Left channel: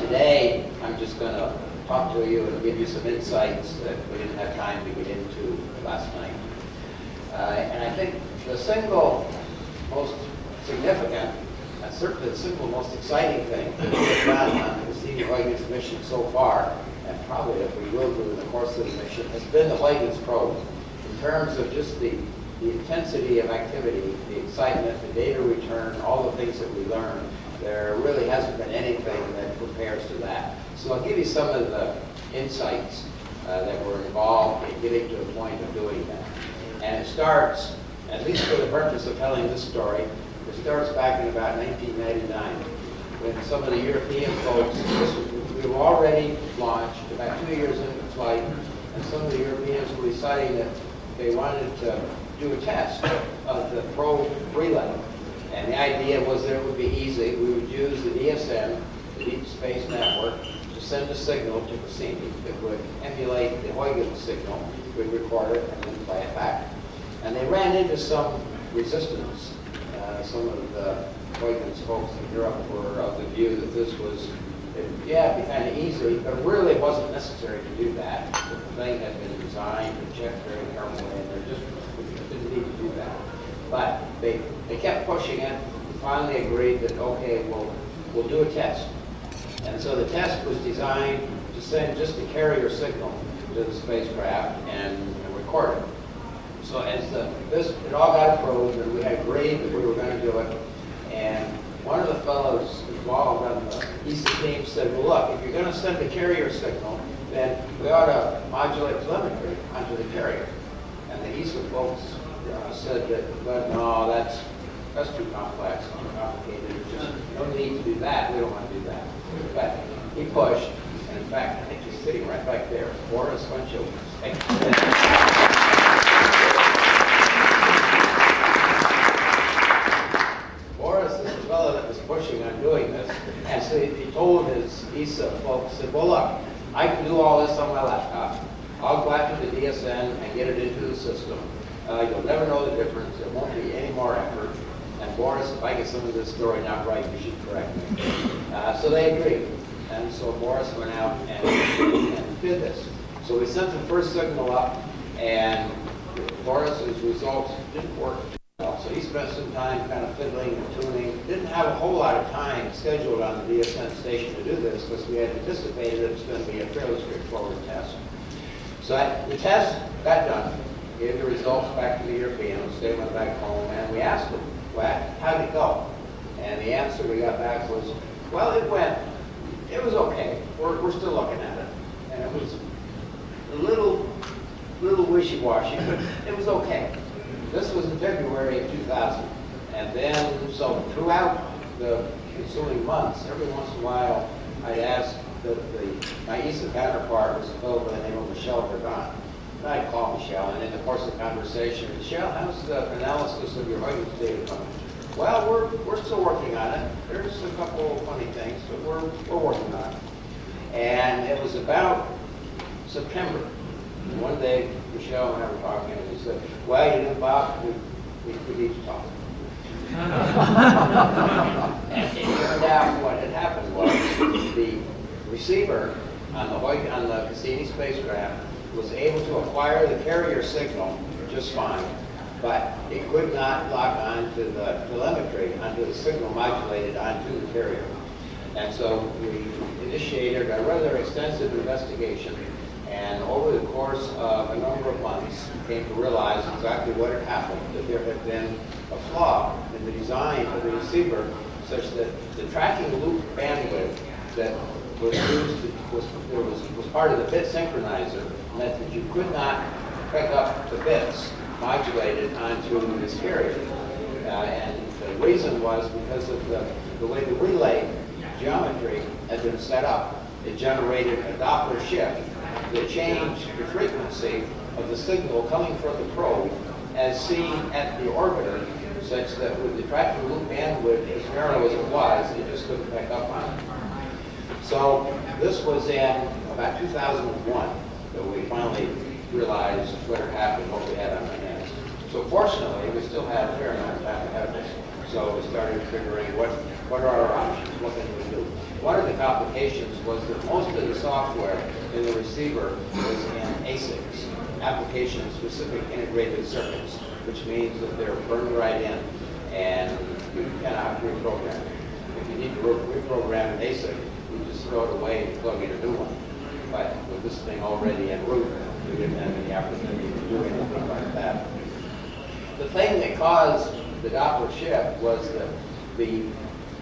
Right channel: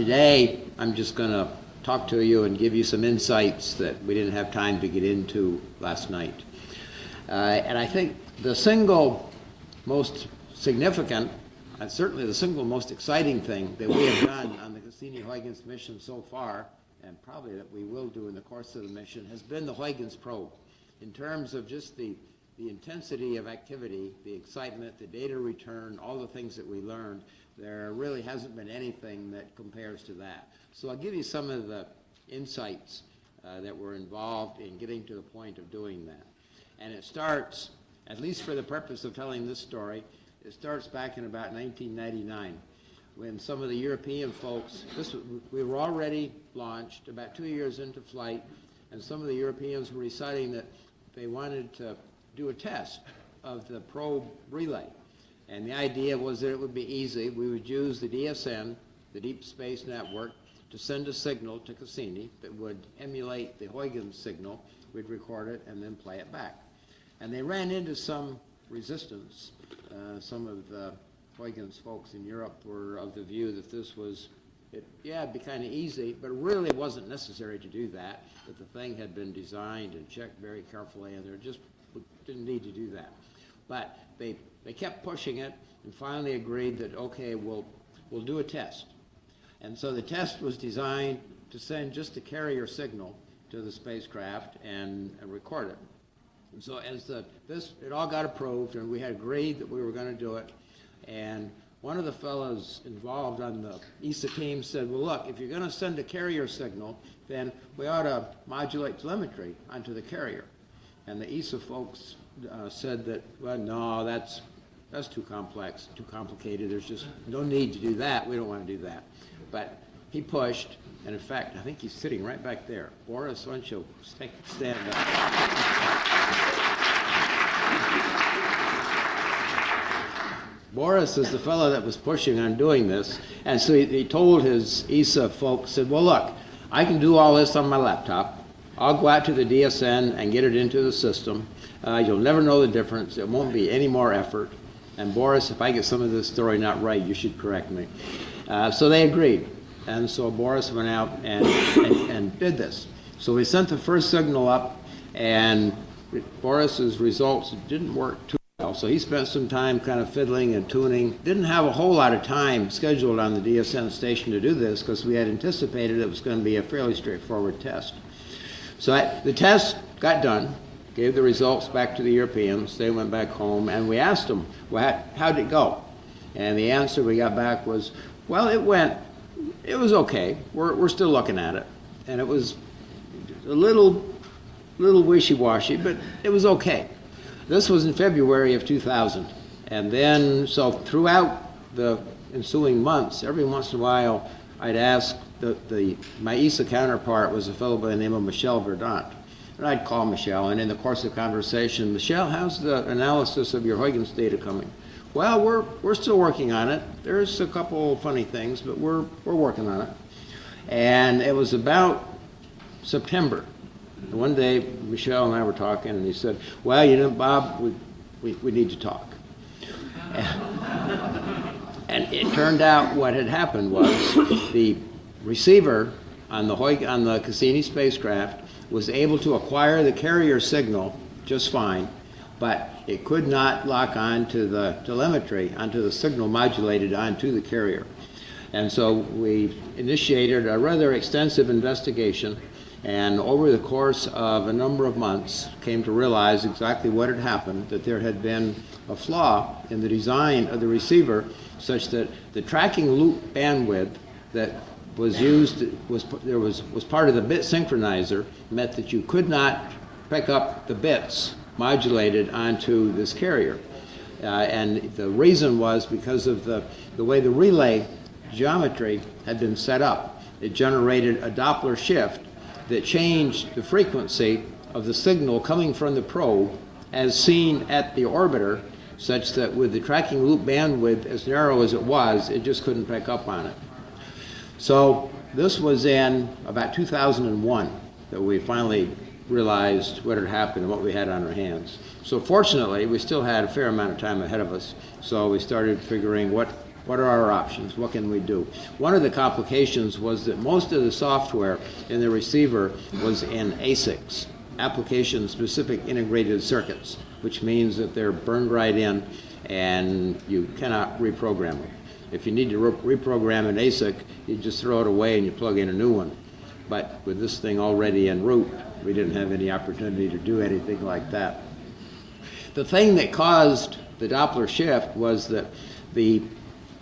Today, I'm just going to talk to you and give you some insights that we didn't have time to get into last night. And I think the single most significant, certainly the single most exciting thing that we have done on the Cassini-Huygens mission so far, and probably that we will do in the course of the mission, has been the Huygens probe. In terms of just the intensity of activity, the excitement, the data return, all the things that we learned, there really hasn't been anything that compares to that. So I'll give you some of the insights that were involved in getting to the point of doing that. And it starts, at least for the purpose of telling this story, it starts back in about 1999, when some of the European folks, we were already launched, about 2 years into flight, and some of the Europeans were deciding that they wanted to do a test of the probe relay. And the idea was that it would be easy. We would use the DSN, the Deep Space Network, to send a signal to Cassini that would emulate the Huygens signal. We'd record it and then play it back. And they ran into some resistance. Some of the Huygens folks in Europe were of the view that this was, it'd be kind of easy, but really it wasn't necessary to do that. The thing had been designed and checked very carefully, and there just didn't need to do that. But they kept pushing it. We finally agreed that, okay, we'll do a test. And so the test was designed to send just the carrier signal to the spacecraft and record it. So as it all got approved, and we had agreed that we were going to do it, and one of the fellows involved on the ESA team said, well, look, if you're going to send the carrier signal, then we ought to modulate telemetry onto the carrier. And the ESA folks said that, well, no, that's too complex, too complicated. There's just no need to do that. We don't want to do that. But he pushed, and in fact, I think he's sitting right back there. Boris, why don't you stand? Boris is the fellow that was pushing on doing this, and so he told his ESA folks, said, well, look, I can do all this on my laptop. I'll go out to the DSN and get it into the system. You'll never know the difference. There won't be any more effort. And Boris, if I get some of this story not right, you should correct me. So they agreed. And so Boris went out and did this. So we sent the first signal up, and Boris's results didn't work too well. So he spent some time kind of fiddling and tuning. Didn't have a whole lot of time scheduled on the DSN station to do this because we had anticipated it was going to be a fairly straightforward test. So the test got done, gave the results back to the Europeans. They went back home, and we asked them, well, how'd it go? And the answer we got back was, well, it was okay. We're still looking at it. And it was a little wishy-washy, but it was okay. This was in February of 2000. And then, so throughout the ensuing months, every once in a while, I'd ask my ESA counterpart was a fellow by the name of Michel Verdant. And I'd call Michel, and in the course of the conversation, Michel, how's the analysis of your Huygens data coming? Well, we're still working on it. There's a couple of funny things, but we're working on it. And it was about September. One day, Michel and I were talking, and he said, well, you know, Bob, we need to talk. And it turned out what had happened was the receiver on the Cassini spacecraft was able to acquire the carrier signal just fine, but it could not lock onto the telemetry, onto the signal modulated onto the carrier. And so we initiated a rather extensive investigation, and over the course of a number of months came to realize exactly what had happened, that there had been a flaw in the design of the receiver such that the tracking loop bandwidth that was used, was part of the bit synchronizer, meant that you could not pick up the bits modulated onto this carrier. And the reason was because of the way the relay geometry had been set up. It generated a Doppler shift that changed the frequency of the signal coming from the probe as seen at the orbiter, such that with the tracking loop bandwidth as narrow as it was, it just couldn't pick up on it. So this was in about 2001 that we finally realized what had happened, what we had on our hands. So fortunately, we still had a fair amount of time ahead of us. So we started figuring what What are our options? What can we do? One of the complications was that most of the software in the receiver was in ASICs, application-specific integrated circuits, which means that they're burned right in and you cannot reprogram it. If you need to reprogram an ASIC, you just throw it away and you plug in a new one. But with this thing already en route, we didn't have any opportunity to do anything like that. The thing that caused the Doppler shift was that the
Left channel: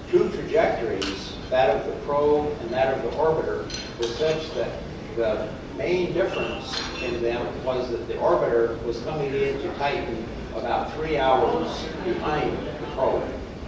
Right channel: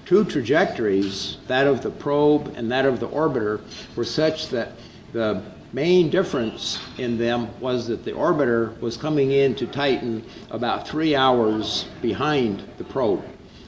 two trajectories, that of the probe and that of the orbiter, were such that the main difference in them was that the orbiter was coming in to Titan about 3 hours behind the probe.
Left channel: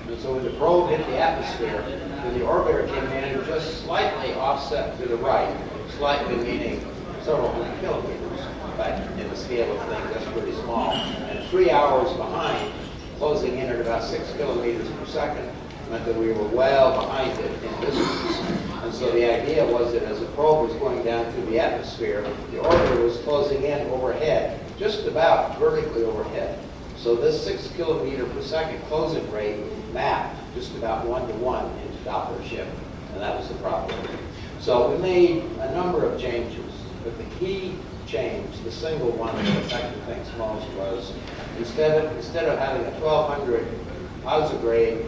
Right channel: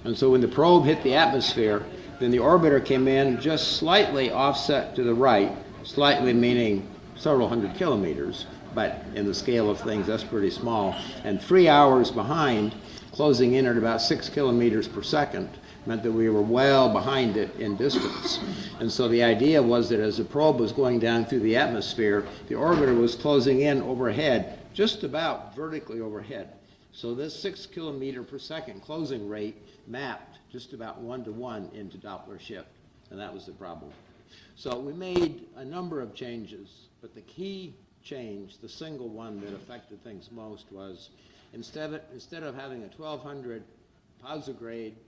And so when the probe hit the atmosphere, then the orbiter came in just slightly offset to the right, slightly meaning several hundred kilometers, but in the scale of things, that's pretty small. And 3 hours behind, closing in at about 6 kilometers per second, meant that we were well behind it in distance. And so the idea was that as the probe was going down through the atmosphere, the orbiter was closing in overhead, just about vertically overhead. So this 6 kilometer per second closing rate mapped just about 1-to-1 into Doppler shift, and that was the problem. So we made a number of changes, but the key change, the single one that affected things most, was instead of having a 1200 grade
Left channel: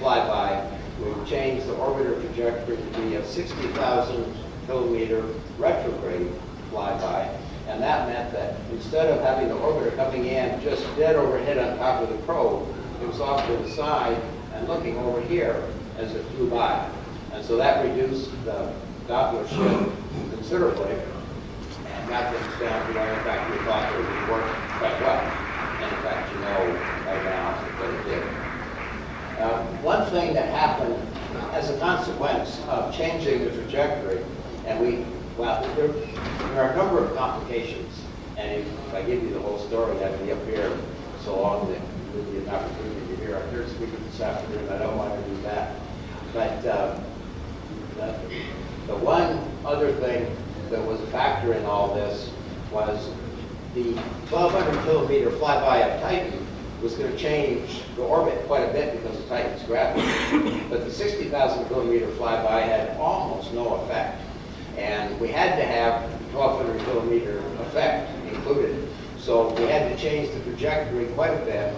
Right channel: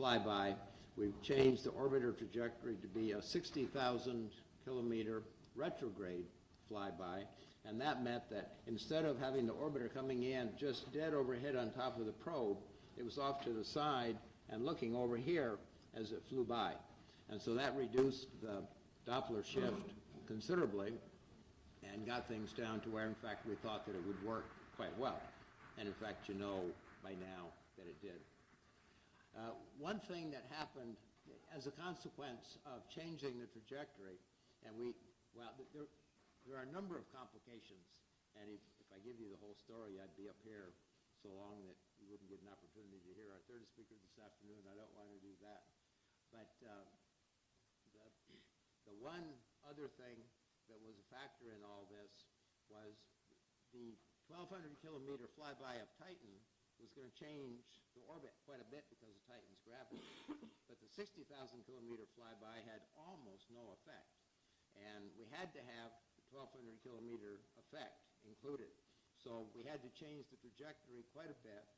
flyby, we changed the orbiter trajectory to be a 60,000 kilometer retrograde flyby. And that meant that instead of having the orbiter coming in just dead overhead on top of the probe, it was off to the side and looking over here as it flew by. And so that reduced the Doppler shift considerably and got things down to where, in fact, we thought it would work quite well. And in fact, you know right now that it did. One thing that happened as a consequence of changing the trajectory, and there are a number of complications, and if I give you the whole story, I'd be up here so long that there would be an opportunity to hear our third speaker this afternoon. I don't want to do that. But the one other thing that was a factor in all this was the 1,200 kilometer flyby of Titan was going to change the orbit quite a bit because of Titan's gravity. But the 60,000 kilometer flyby had almost no effect. And we had to have the 1,200 kilometer effect included. So we had to change the trajectory quite a bit.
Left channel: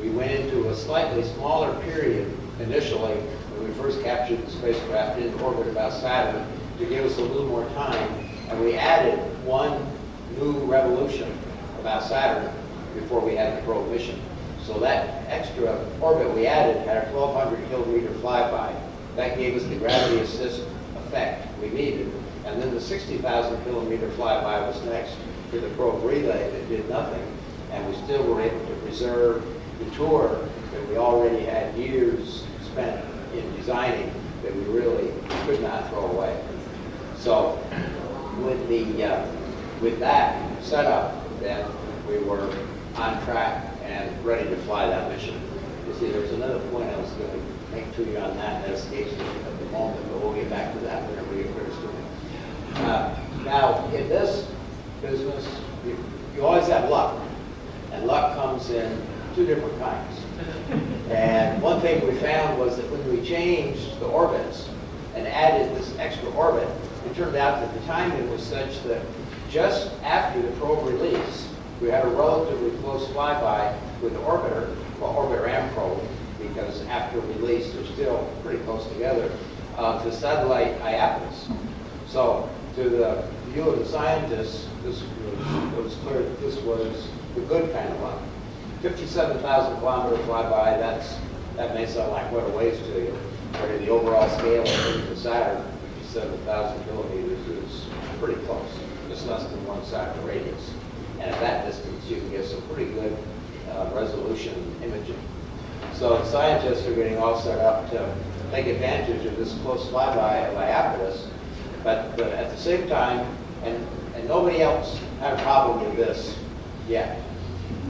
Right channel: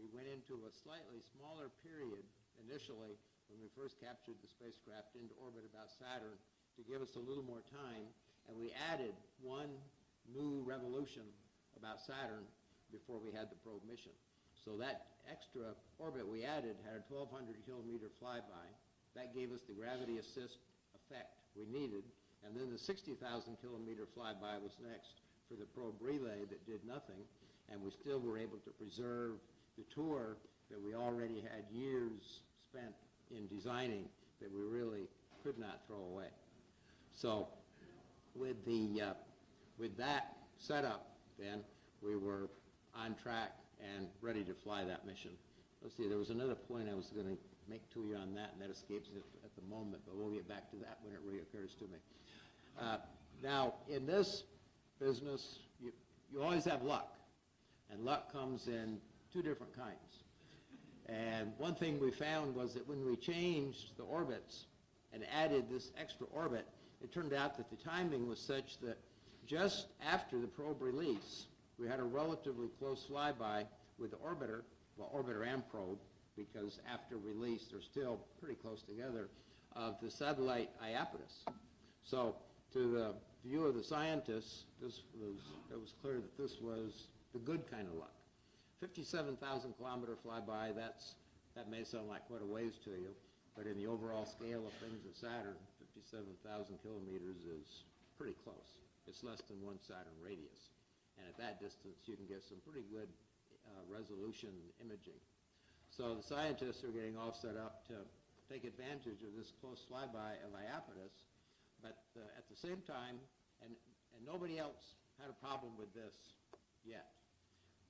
We went into a slightly smaller period initially when we first captured the spacecraft in orbit about Saturn to give us a little more time. And we added one new revolution about Saturn before we had the probe mission. So that extra orbit we added had a 1,200 kilometer flyby. That gave us the gravity assist effect we needed. And then the 60,000 kilometer flyby was next to the probe relay that did nothing. And we still were able to preserve the tour that we already had years spent in designing that we really could not throw away. So with that setup, then we were on track and ready to fly that mission. You see, there's another point I was going to make to you on that escapes me at the moment, but we'll get back to that whenever it occurs to me. Now, in this business, you always have luck, and luck comes in two different kinds. And one thing we found was that when we changed the orbits and added this extra orbit, it turned out that the timing was such that just after the probe release, we had a relatively close flyby with the orbiter, well, orbiter and probe, because after release, they're still pretty close together, to satellite Iapetus. So, to the view of the scientists, it was clear that this was the good kind of luck. 57,000 kilometer flyby, that may sound like quite a ways to you, but in the overall scale of things to Saturn, 57,000 kilometers is pretty close. It's less than 1 Saturn radius. And at that distance, you can get some pretty good resolution imaging. So the scientists are getting all set up to take advantage of this close flyby of Iapetus, but at the same time, and nobody else had a problem with this yet,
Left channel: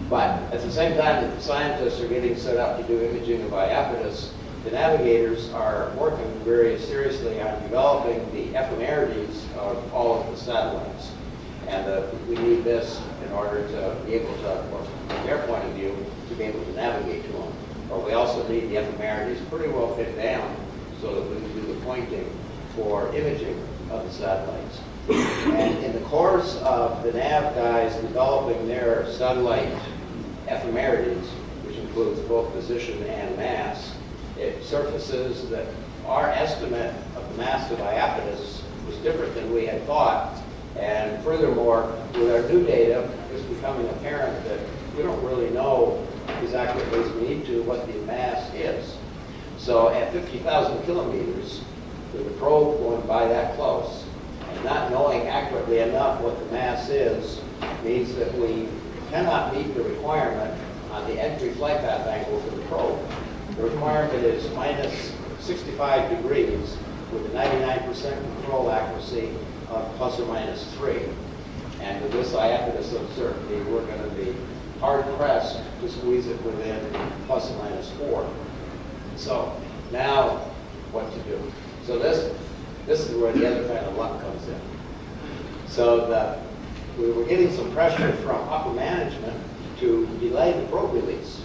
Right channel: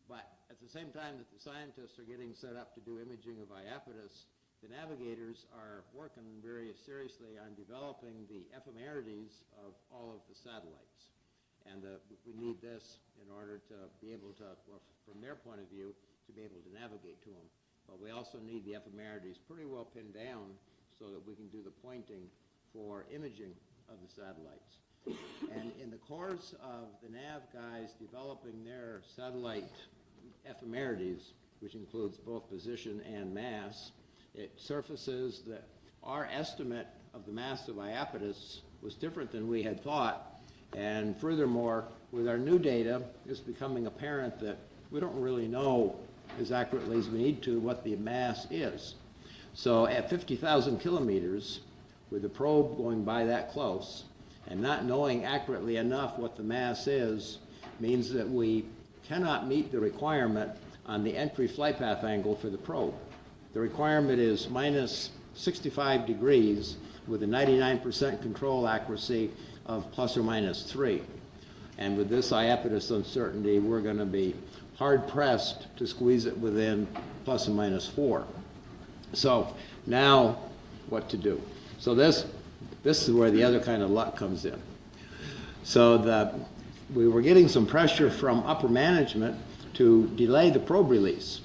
but at the same time that the scientists are getting set up to do imaging of Iapetus, the navigators are working very seriously on developing the ephemerides of all of the satellites. And we need this in order to be able to, or from their point of view, to be able to navigate to them. But we also need the ephemerides pretty well fit down so that we can do the pointing for imaging of the satellites. And in the course of the nav guys developing their satellite ephemerides, which includes both position and mass, it surfaces that our estimate of the mass of Iapetus was different than we had thought. And furthermore, with our new data, it's becoming apparent that we don't really know exactly as we need to what the mass is. So at 50,000 kilometers, with the probe going by that close, and not knowing accurately enough what the mass is, means that we cannot meet the requirement on the entry flight path angle for the probe. The requirement is minus 65 degrees with a 99% control accuracy of plus or minus 3. And with this Iapetus uncertainty, we're going to be hard-pressed to squeeze it within plus or minus 4. So now what to do? So this is where the other kind of luck comes in. So we were getting some pressure from upper management to delay the probe release.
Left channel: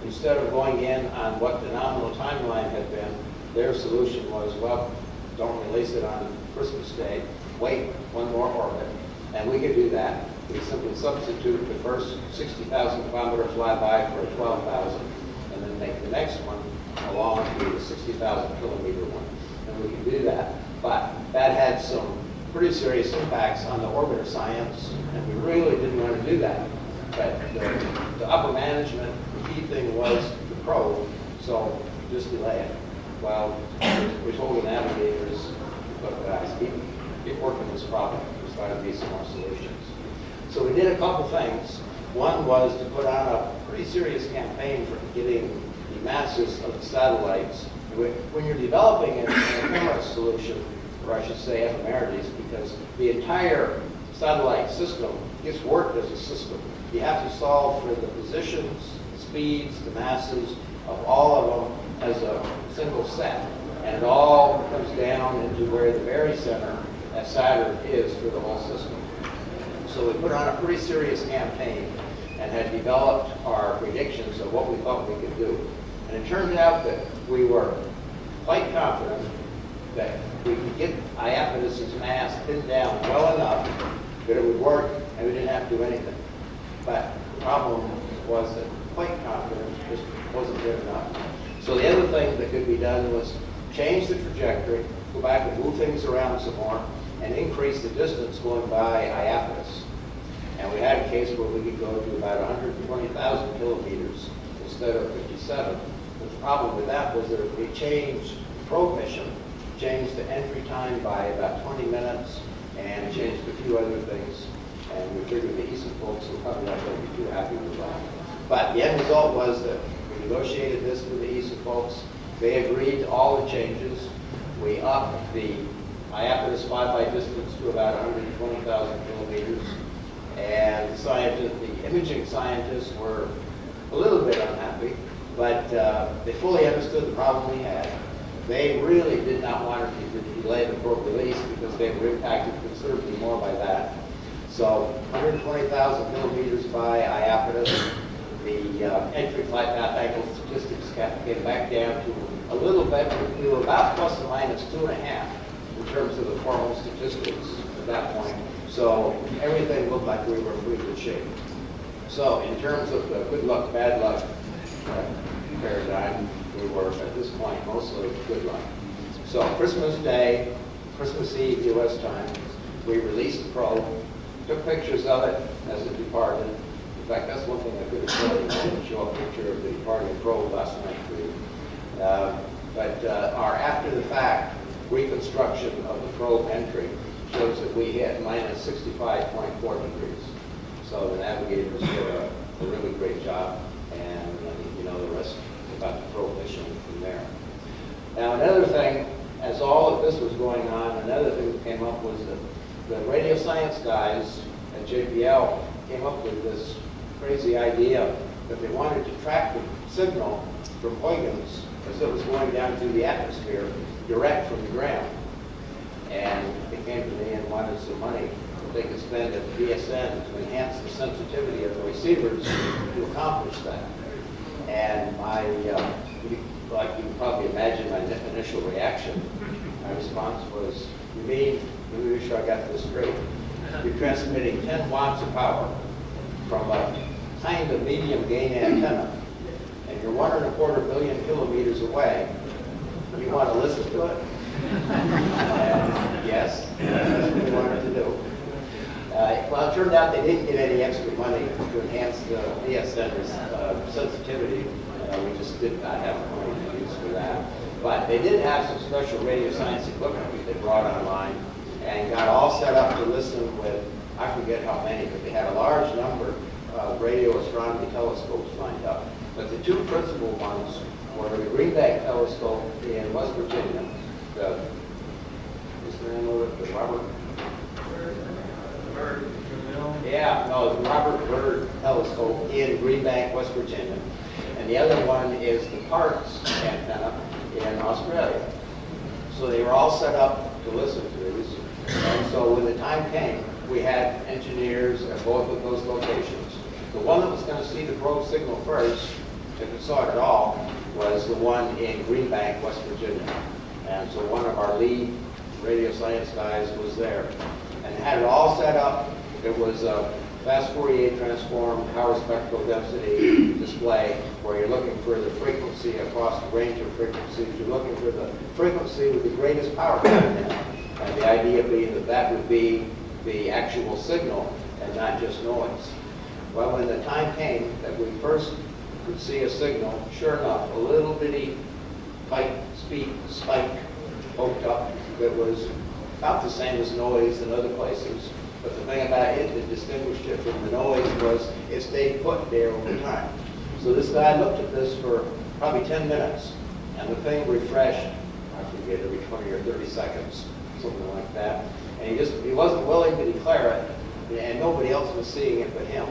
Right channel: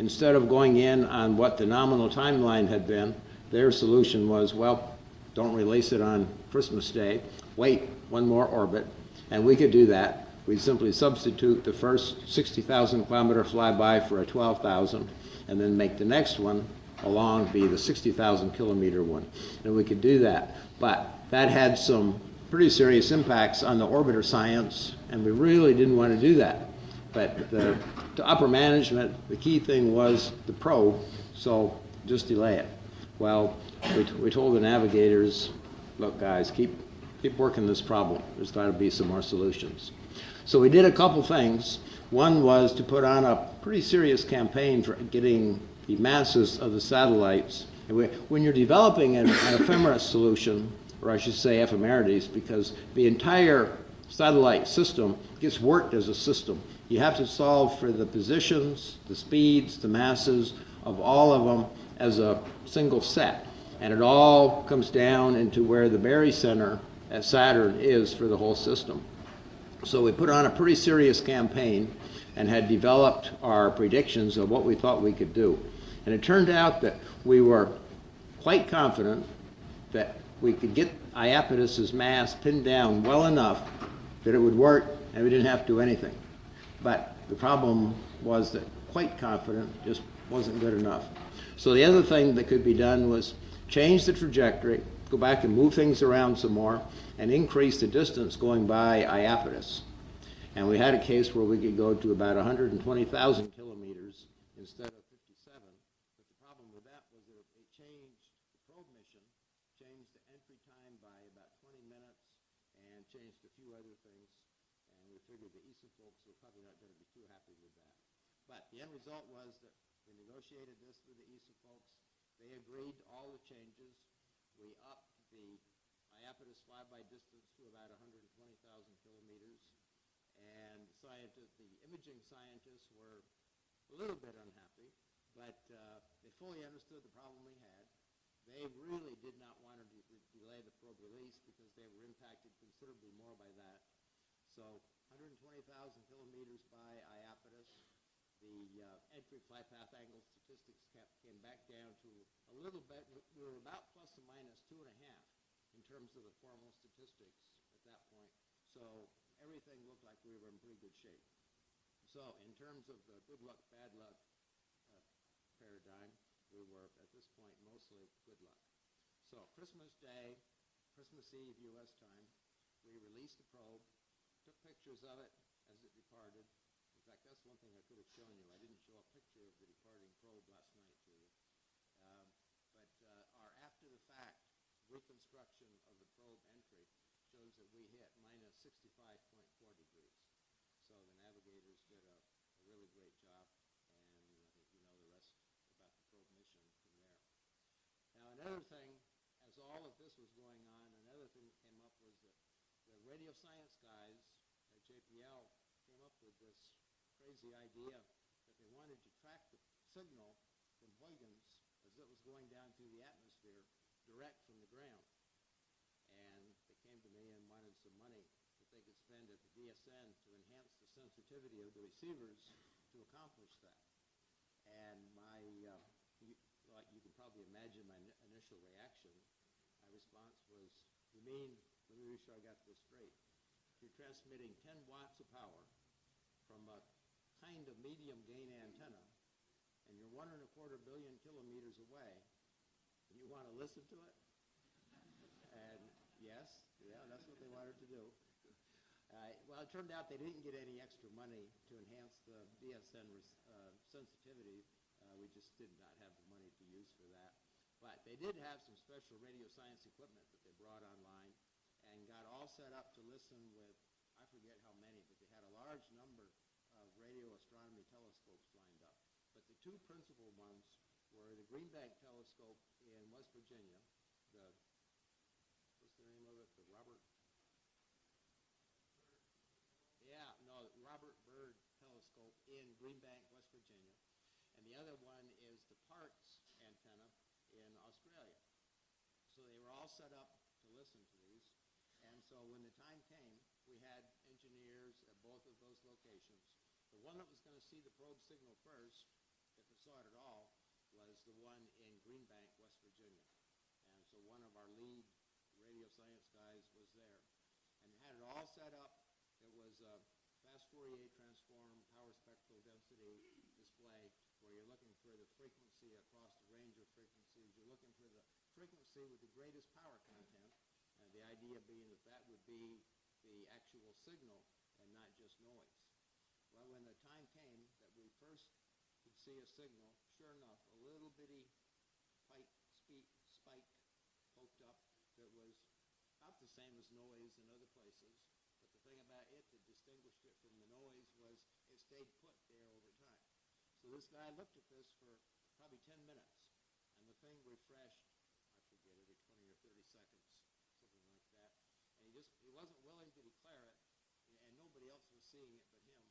Instead of going in on what the nominal timeline had been, their solution was, well, don't release it on Christmas Day, wait one more orbit, and we could do that. We simply substitute the first 60,000 kilometer flyby for a 12,000, and then make the next one along the 60,000 kilometer one. And we could do that. But that had some pretty serious impacts on the orbiter science, and we really didn't want to do that. But the upper management, the key thing was the probe, so just delay it. Well, we told the navigators, look guys, keep working this problem. There's got to be some more solutions. So we did a couple things. One was to put on a pretty serious campaign for getting the masses of the satellites. When you're developing an ephemeris solution, or I should say ephemerides, because the entire satellite system gets worked as a system. You have to solve for the positions, the speeds, the masses of all of them as a single set. And it all comes down into where the barycenter at Saturn is for the whole system. So we put on a pretty serious campaign and had developed our predictions of what we thought we could do. And it turned out that we were quite confident that we could get Iapetus's mass pinned down well enough that it would work and we didn't have to do anything. But the problem was that quite confident just wasn't good enough. So the other thing that could be done was change the trajectory, go back and move things around some more, and increase the distance going by Iapetus. And we had a case where we could go to about 120,000 kilometers instead of 57. But the problem with that was that if we changed the probe mission, changed the entry time by about 20 minutes, and changed a few other things, and we figured the ESA folks were probably not going to be too happy with that. But the end result was that we negotiated this with the ESA folks. They agreed to all the changes. We upped the Iapetus flyby distance to about 120,000 kilometers. And the imaging scientists were a little bit unhappy, but they fully understood the problem we had. They really did not want to delay the probe release because they were impacted considerably more by that. So 120,000 kilometers by Iapetus, the entry flight path angle statistics came back down to a little bit. We were about plus or minus 2.5 in terms of the formal statistics at that point. So everything looked like we were in pretty good shape. So in terms of the good luck, bad luck paradigm, we were at this point mostly good luck. So Christmas Day, Christmas Eve U.S. time, we released the probe, took pictures of it as it departed. In fact, that's one thing I could have shown you. I didn't show a picture of the departing probe last night for you. But our after-the-fact reconstruction of the probe entry shows that we hit minus 65.4 degrees. So the navigators did a really great job, and you know the rest about the probe mission from there. Now another thing, as all of this was going on, another thing that came up was that the radio science guys at JPL came up with this crazy idea that they wanted to track the signal from Huygens as it was going down through the atmosphere direct from the ground. And they came to me and wanted some money that they could spend at the BSN to enhance the sensitivity of the receivers to accomplish that. And like you can probably imagine my initial reaction. My response was, you mean, let me make sure I got this straight. You're transmitting 10 watts of power from a kind of medium gain antenna, and you're 1.25 billion kilometers away. You want to listen to it? And yes, that's what we wanted to do. Well, it turned out they didn't get any extra money to enhance the BSN's sensitivity. We just did not have the money to use for that. But they did have some special radio science equipment that they brought online and got all set up to listen with, I forget how many, but they had a large number of radio astronomy telescopes lined up. But the two principal ones were the Greenbank telescope in West Virginia, what's the name of it, the Robert Byrd. Yeah, no, the Robert Byrd telescope in Greenbank, West Virginia. And the other one is the Parkes antenna in Australia. So they were all set up to listen to these. And so when the time came, we had engineers at both of those locations. The one that was going to see the probe signal first, if it saw it at all, was the one in Greenbank, West Virginia. And so one of our lead radio science guys was there and had it all set up. It was a fast Fourier transform, power spectral density display where you're looking for the frequency across the range of frequencies. You're looking for the frequency with the greatest power content. And the idea being that that would be the actual signal and not just noise. Well, when the time came that we first could see a signal, sure enough, a little bitty speed spike poked up that was about the same as noise in other places. But the thing about it that distinguished it from the noise was it stayed put there over time. So this guy looked at this for probably 10 minutes, and the thing refreshed, I forget, every 20 or 30 seconds, something like that. And he wasn't willing to declare it, and nobody else was seeing it but him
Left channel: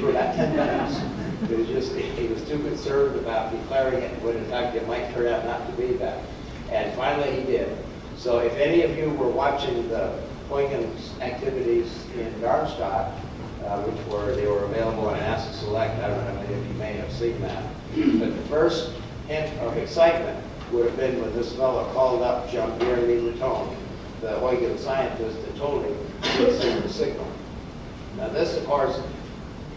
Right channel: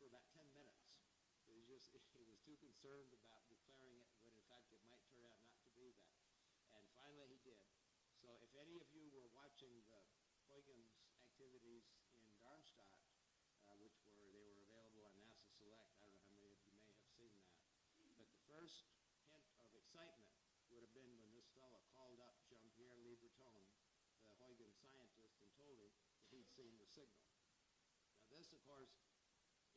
for about 10 minutes. He was too concerned about declaring it when in fact it might turn out not to be that. And finally he did. So if any of you were watching the Huygens activities in Darmstadt, they were available on NASA Select, I don't know how many of you may have seen that. But the first hint of excitement would have been when this fellow called up Jean-Pierre Mileton, the Huygens scientist, and told him he had seen the signal. Now this, of course,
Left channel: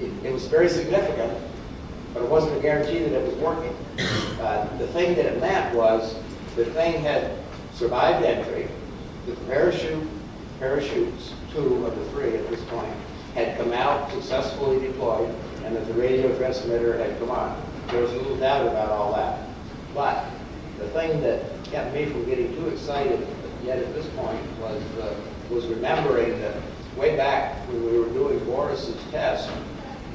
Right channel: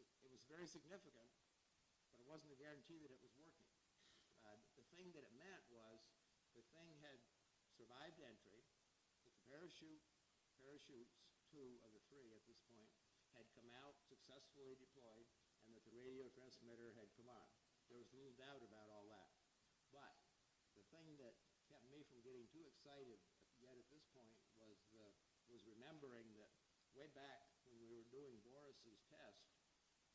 it was very significant, but it wasn't a guarantee that it was working. The thing that it meant was the thing had survived entry, the parachutes, 2 of the 3 at this point, had come out successfully deployed, and that the radio transmitter had come on. There was little doubt about all that. But the thing that kept me from getting too excited yet at this point was remembering that way back when we were doing Boris's test,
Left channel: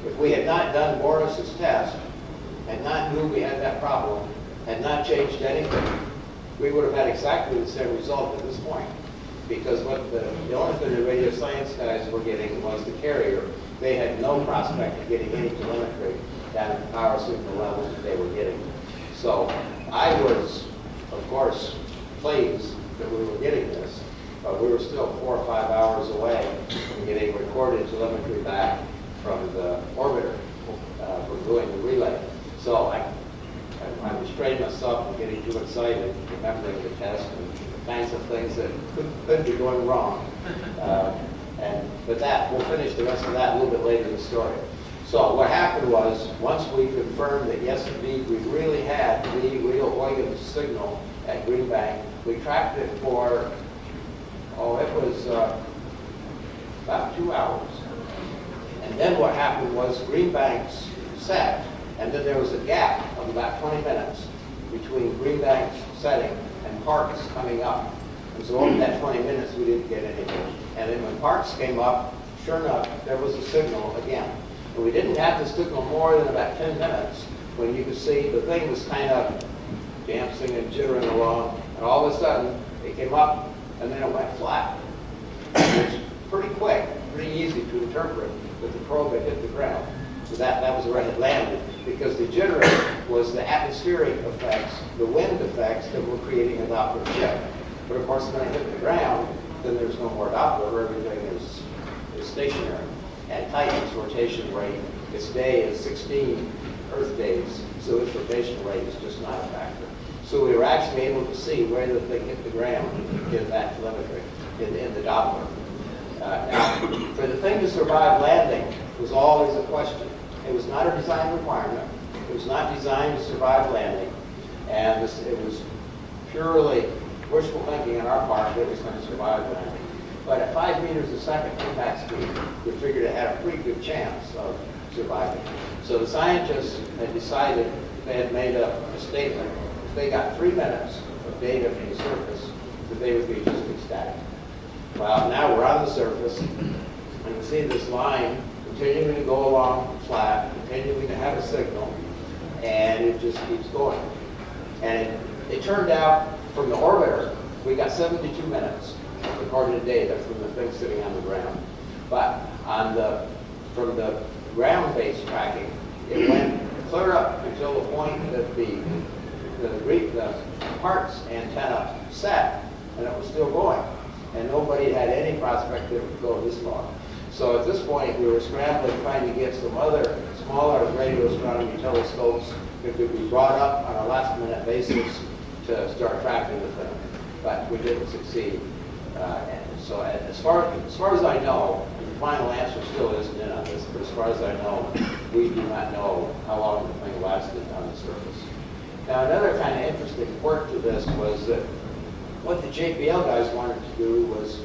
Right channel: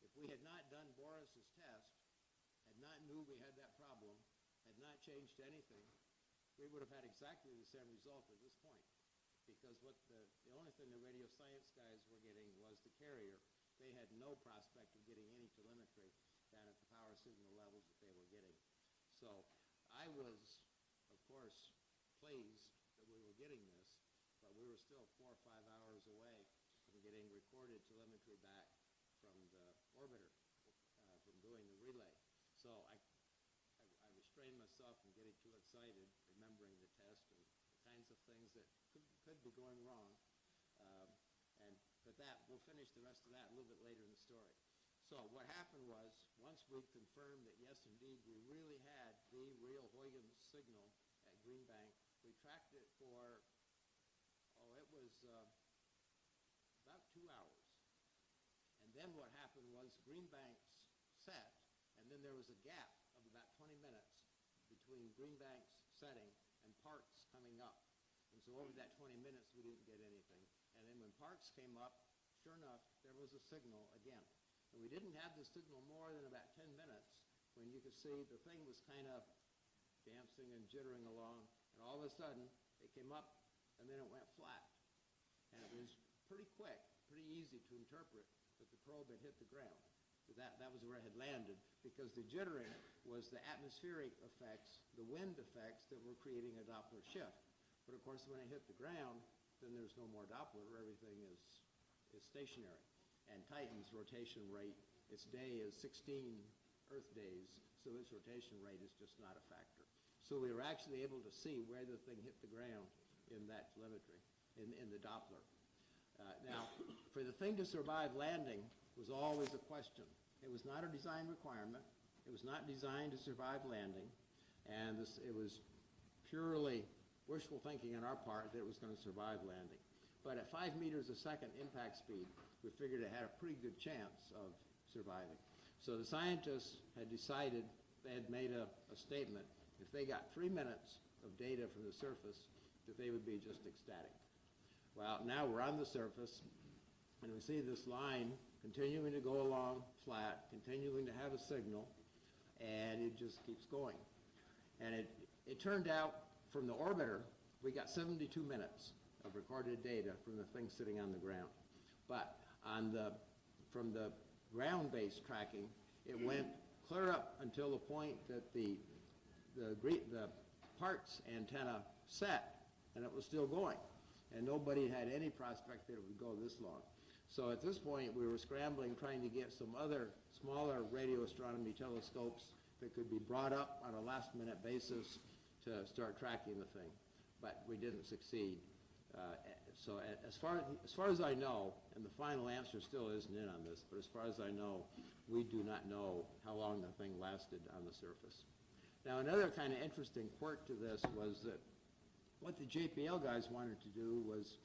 if we had not done Boris's test, had not knew we had that problem, had not changed anything, we would have had exactly the same result at this point. Because the only thing the radio science guys were getting was the carrier. They had no prospect of getting any telemetry down at the power signal levels that they were getting. So I was, of course, pleased that we were getting this, but we were still 4 or 5 hours away from getting recorded telemetry back from the orbiter for doing the relay. So I restrained myself from getting too excited, remembering the test and the kinds of things that could be going wrong. But we'll finish the rest of that a little bit later in the story. So what happened was, once we confirmed that yes, indeed, we really had the real Huygens signal at Greenbank, we tracked it for, it was about 2 hours. And then what happened was Greenbank's set, and then there was a gap of about 20 minutes between Greenbank's setting and Parkes coming up. And so over that 20 minutes, we didn't get anything. And then when Parkes came up, sure enough, there was a signal again. And we didn't have the signal more than about 10 minutes when you could see the thing was kind of dancing and jittering along, and all of a sudden, it came up, and then it went flat. It was pretty quick, pretty easy to interpret that the probe had hit the ground. So that was where it landed, because the jittering was the atmospheric effects, the wind effects that were creating a Doppler shift. But of course, when it hit the ground, then there's no more Doppler, everything is stationary. And Titan's rotation rate, its day is 16 Earth days, so its rotation rate is just not a factor. So we were actually able to see where the thing hit the ground in that telemetry, in the Doppler. Now, for the thing to survive landing was always a question. It was not a design requirement. It was not designed to survive landing. And it was purely wishful thinking on our part that it was going to survive landing. But at 5 meters a second impact speed, we figured it had a pretty good chance of surviving. So the scientists had decided, they had made a statement, if they got 3 minutes of data from the surface, that they would be just ecstatic. Well, now we're on the surface, and we see this line continuing to go along flat, continuing to have a signal, and it just keeps going. And it turned out, from the orbiter, we got 72 minutes of recorded data from the thing sitting on the ground. But from the ground-based tracking, it went clear up until the point that the parts antenna set, and it was still going. And nobody had any prospect that it would go this long. So at this point, we were scrambling, trying to get some other smaller radio astronomy telescopes that could be brought up on a last-minute basis to start tracking the thing. But we didn't succeed. And so as far as I know, and the final answer still isn't in on this, but as far as I know, we do not know how long the thing lasted on the surface. Now, another kind of interesting quirk to this was that what the JPL guys wanted to do was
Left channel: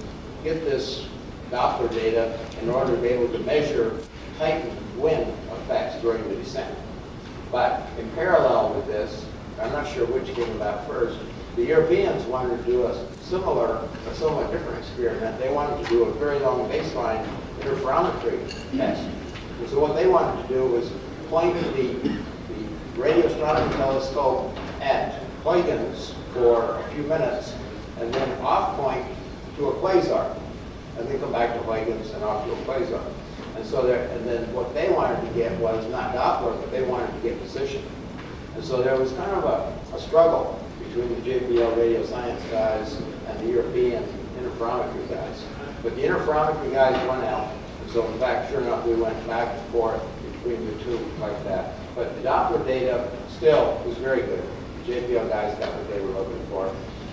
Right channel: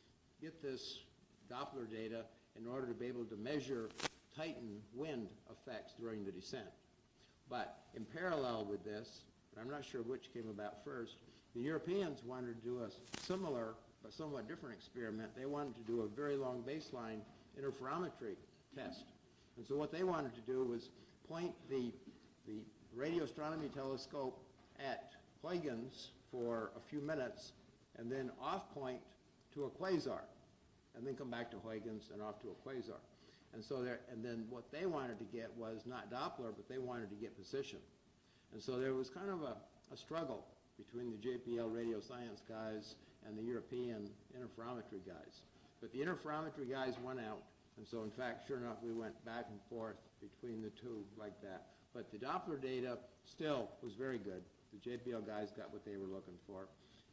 get this Doppler data in order to be able to measure heightened wind effects during the descent. But in parallel with this, I'm not sure which came about first, the Europeans wanted to do a similar, a somewhat different experiment. They wanted to do a very long baseline interferometry test. And so what they wanted to do was point the radio astronomy telescope at Huygens for a few minutes, and then off point to a quasar, and then come back to Huygens and off to a quasar. And so and then what they wanted to get was not Doppler, but they wanted to get position. And so there was kind of a struggle between the JPL radio science guys and the European interferometry guys. But the interferometry guys won out. And so in fact, sure enough, we went back and forth between the two like that. But the Doppler data still was very good. The JPL guys got what they were looking for.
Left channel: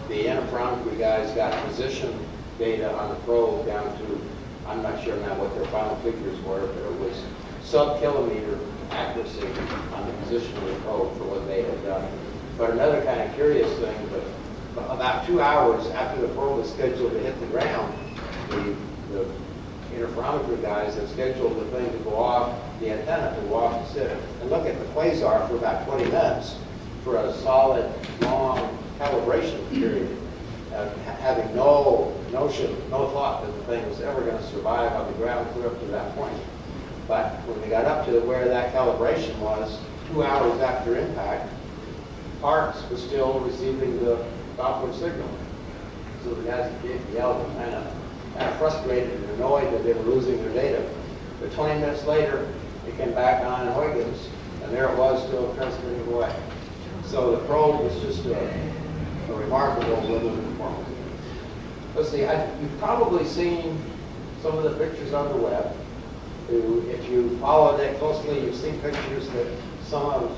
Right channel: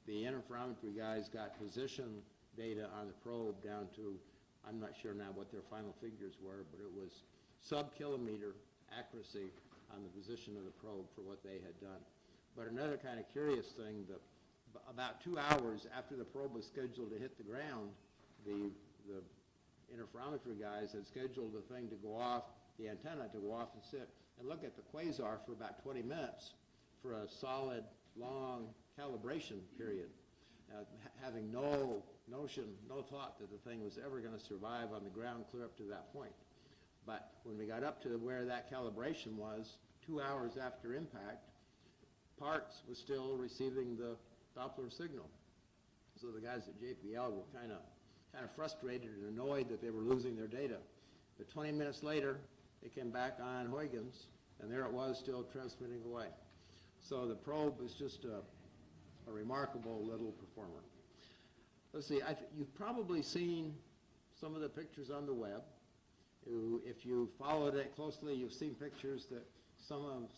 The interferometry guys got position data on the probe down to, I'm not sure now what their final figures were, but it was sub-kilometer accuracy on the position of the probe for what they had done. But another kind of curious thing, but about 2 hours after the probe was scheduled to hit the ground, the interferometry guys had scheduled the thing to go off, the antenna to go off and sit and look at the quasar for about 20 minutes for a solid, long calibration period, having no notion, no thought that the thing was ever going to survive on the ground clear up to that point. But when we got up to where that calibration was, 2 hours after impact, Parks was still receiving the Doppler signal. So the guys at JPL were kind of frustrated and annoyed that they were losing their data. But 20 minutes later, it came back on in Huygens, and there it was still transmitting away. So the probe was just a remarkable little performance. Let's see, you've probably seen some of the pictures on the web. If you follow that closely, you've seen pictures that some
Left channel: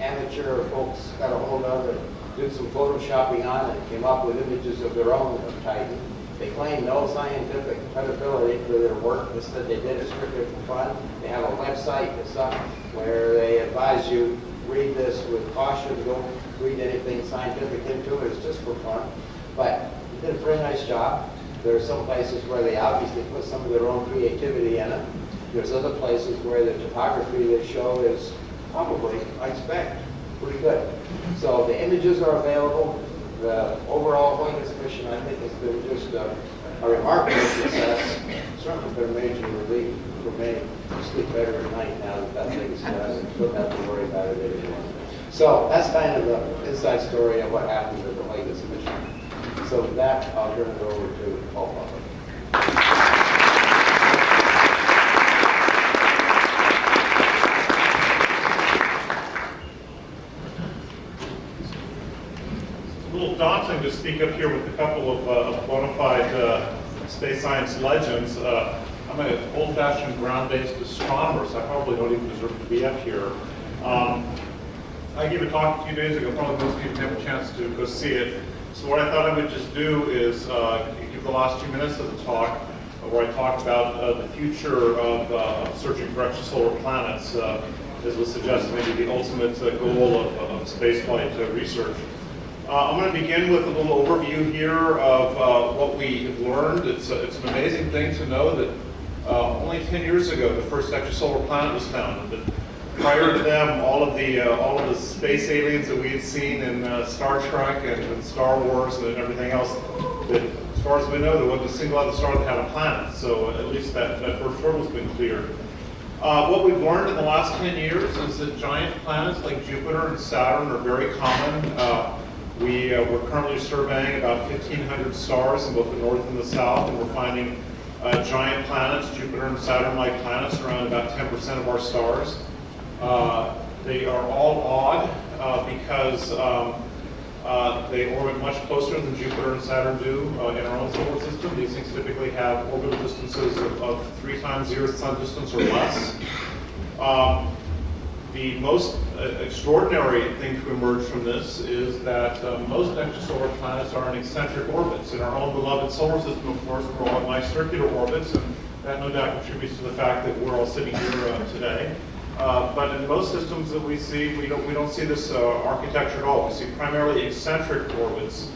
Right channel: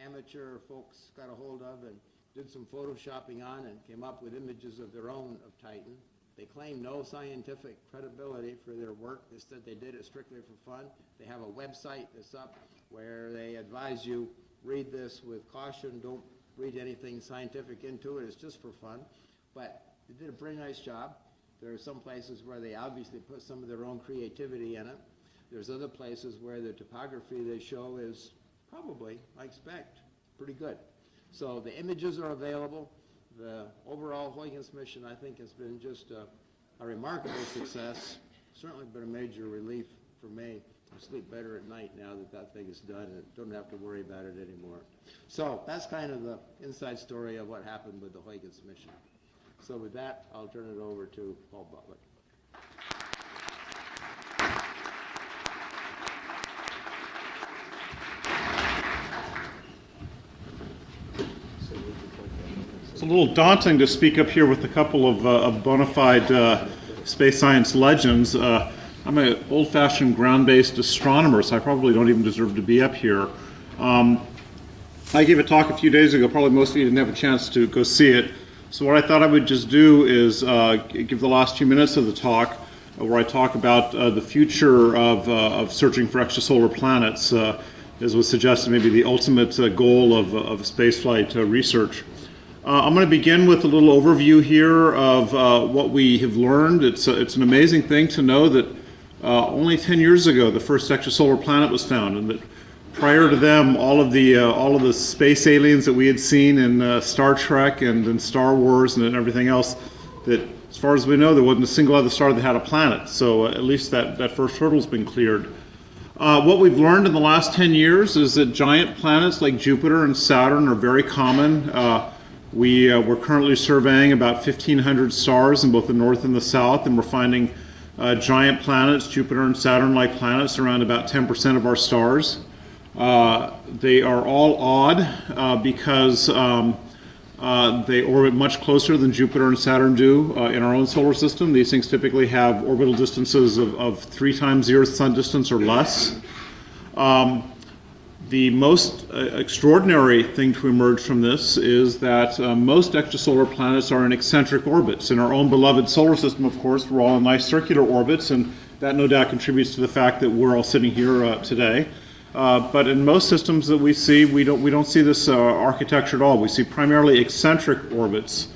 amateur folks got a hold of and did some photoshopping on and came up with images of their own of Titan. They claim no scientific credibility for their work. They said they did it strictly for fun. They have a website that's up where they advise you read this with caution. Don't read anything scientific into it. It's just for fun. But they did a very nice job. There are some places where they obviously put some of their own creativity in it. There's other places where the topography they show is probably, I expect, pretty good. So the images are available. The overall Huygens mission, I think, has been just a remarkable success. Certainly been a major relief for me to sleep better at night now that that thing is done. Don't have to worry about it anymore. So that's kind of the inside story of what happened with the Huygens mission. So with that, I'll turn it over to Paul Butler. A little daunting to speak up here with a couple of bona fide space science legends. I'm an old-fashioned ground-based astronomer, so I probably don't even deserve to be up here. I gave a talk a few days ago. Probably most of you didn't have a chance to go see it. So what I thought I would just do is give the last 2 minutes of the talk where I talk about the future of searching for extrasolar planets, as was suggested, maybe the ultimate goal of spaceflight research. I'm going to begin with a little overview here of what we have learned. It's an amazing thing to know that only 10 years ago the first extrasolar planet was found, and that prior to them, all of the space aliens that we had seen in Star Trek and in Star Wars and everything else, that as far as we know, there wasn't a single other star that had a planet. So at least that first hurdle's been cleared. What we've learned in the last 10 years is that giant planets like Jupiter and Saturn are very common. We're currently surveying about 1,500 stars in both the north and the south, and we're finding giant planets, Jupiter and Saturn-like planets, around about 10% of our stars. They are all odd because they orbit much closer than Jupiter and Saturn do in our own solar system. These things typically have orbital distances of 3 times the Earth's sun distance or less. The most extraordinary thing to emerge from this is that most extrasolar planets are in eccentric orbits. In our own beloved solar system, of course, we're all in nice circular orbits, and that no doubt contributes to the fact that we're all sitting here today. But in most systems that we see, we don't see this architecture at all. We see primarily eccentric orbits.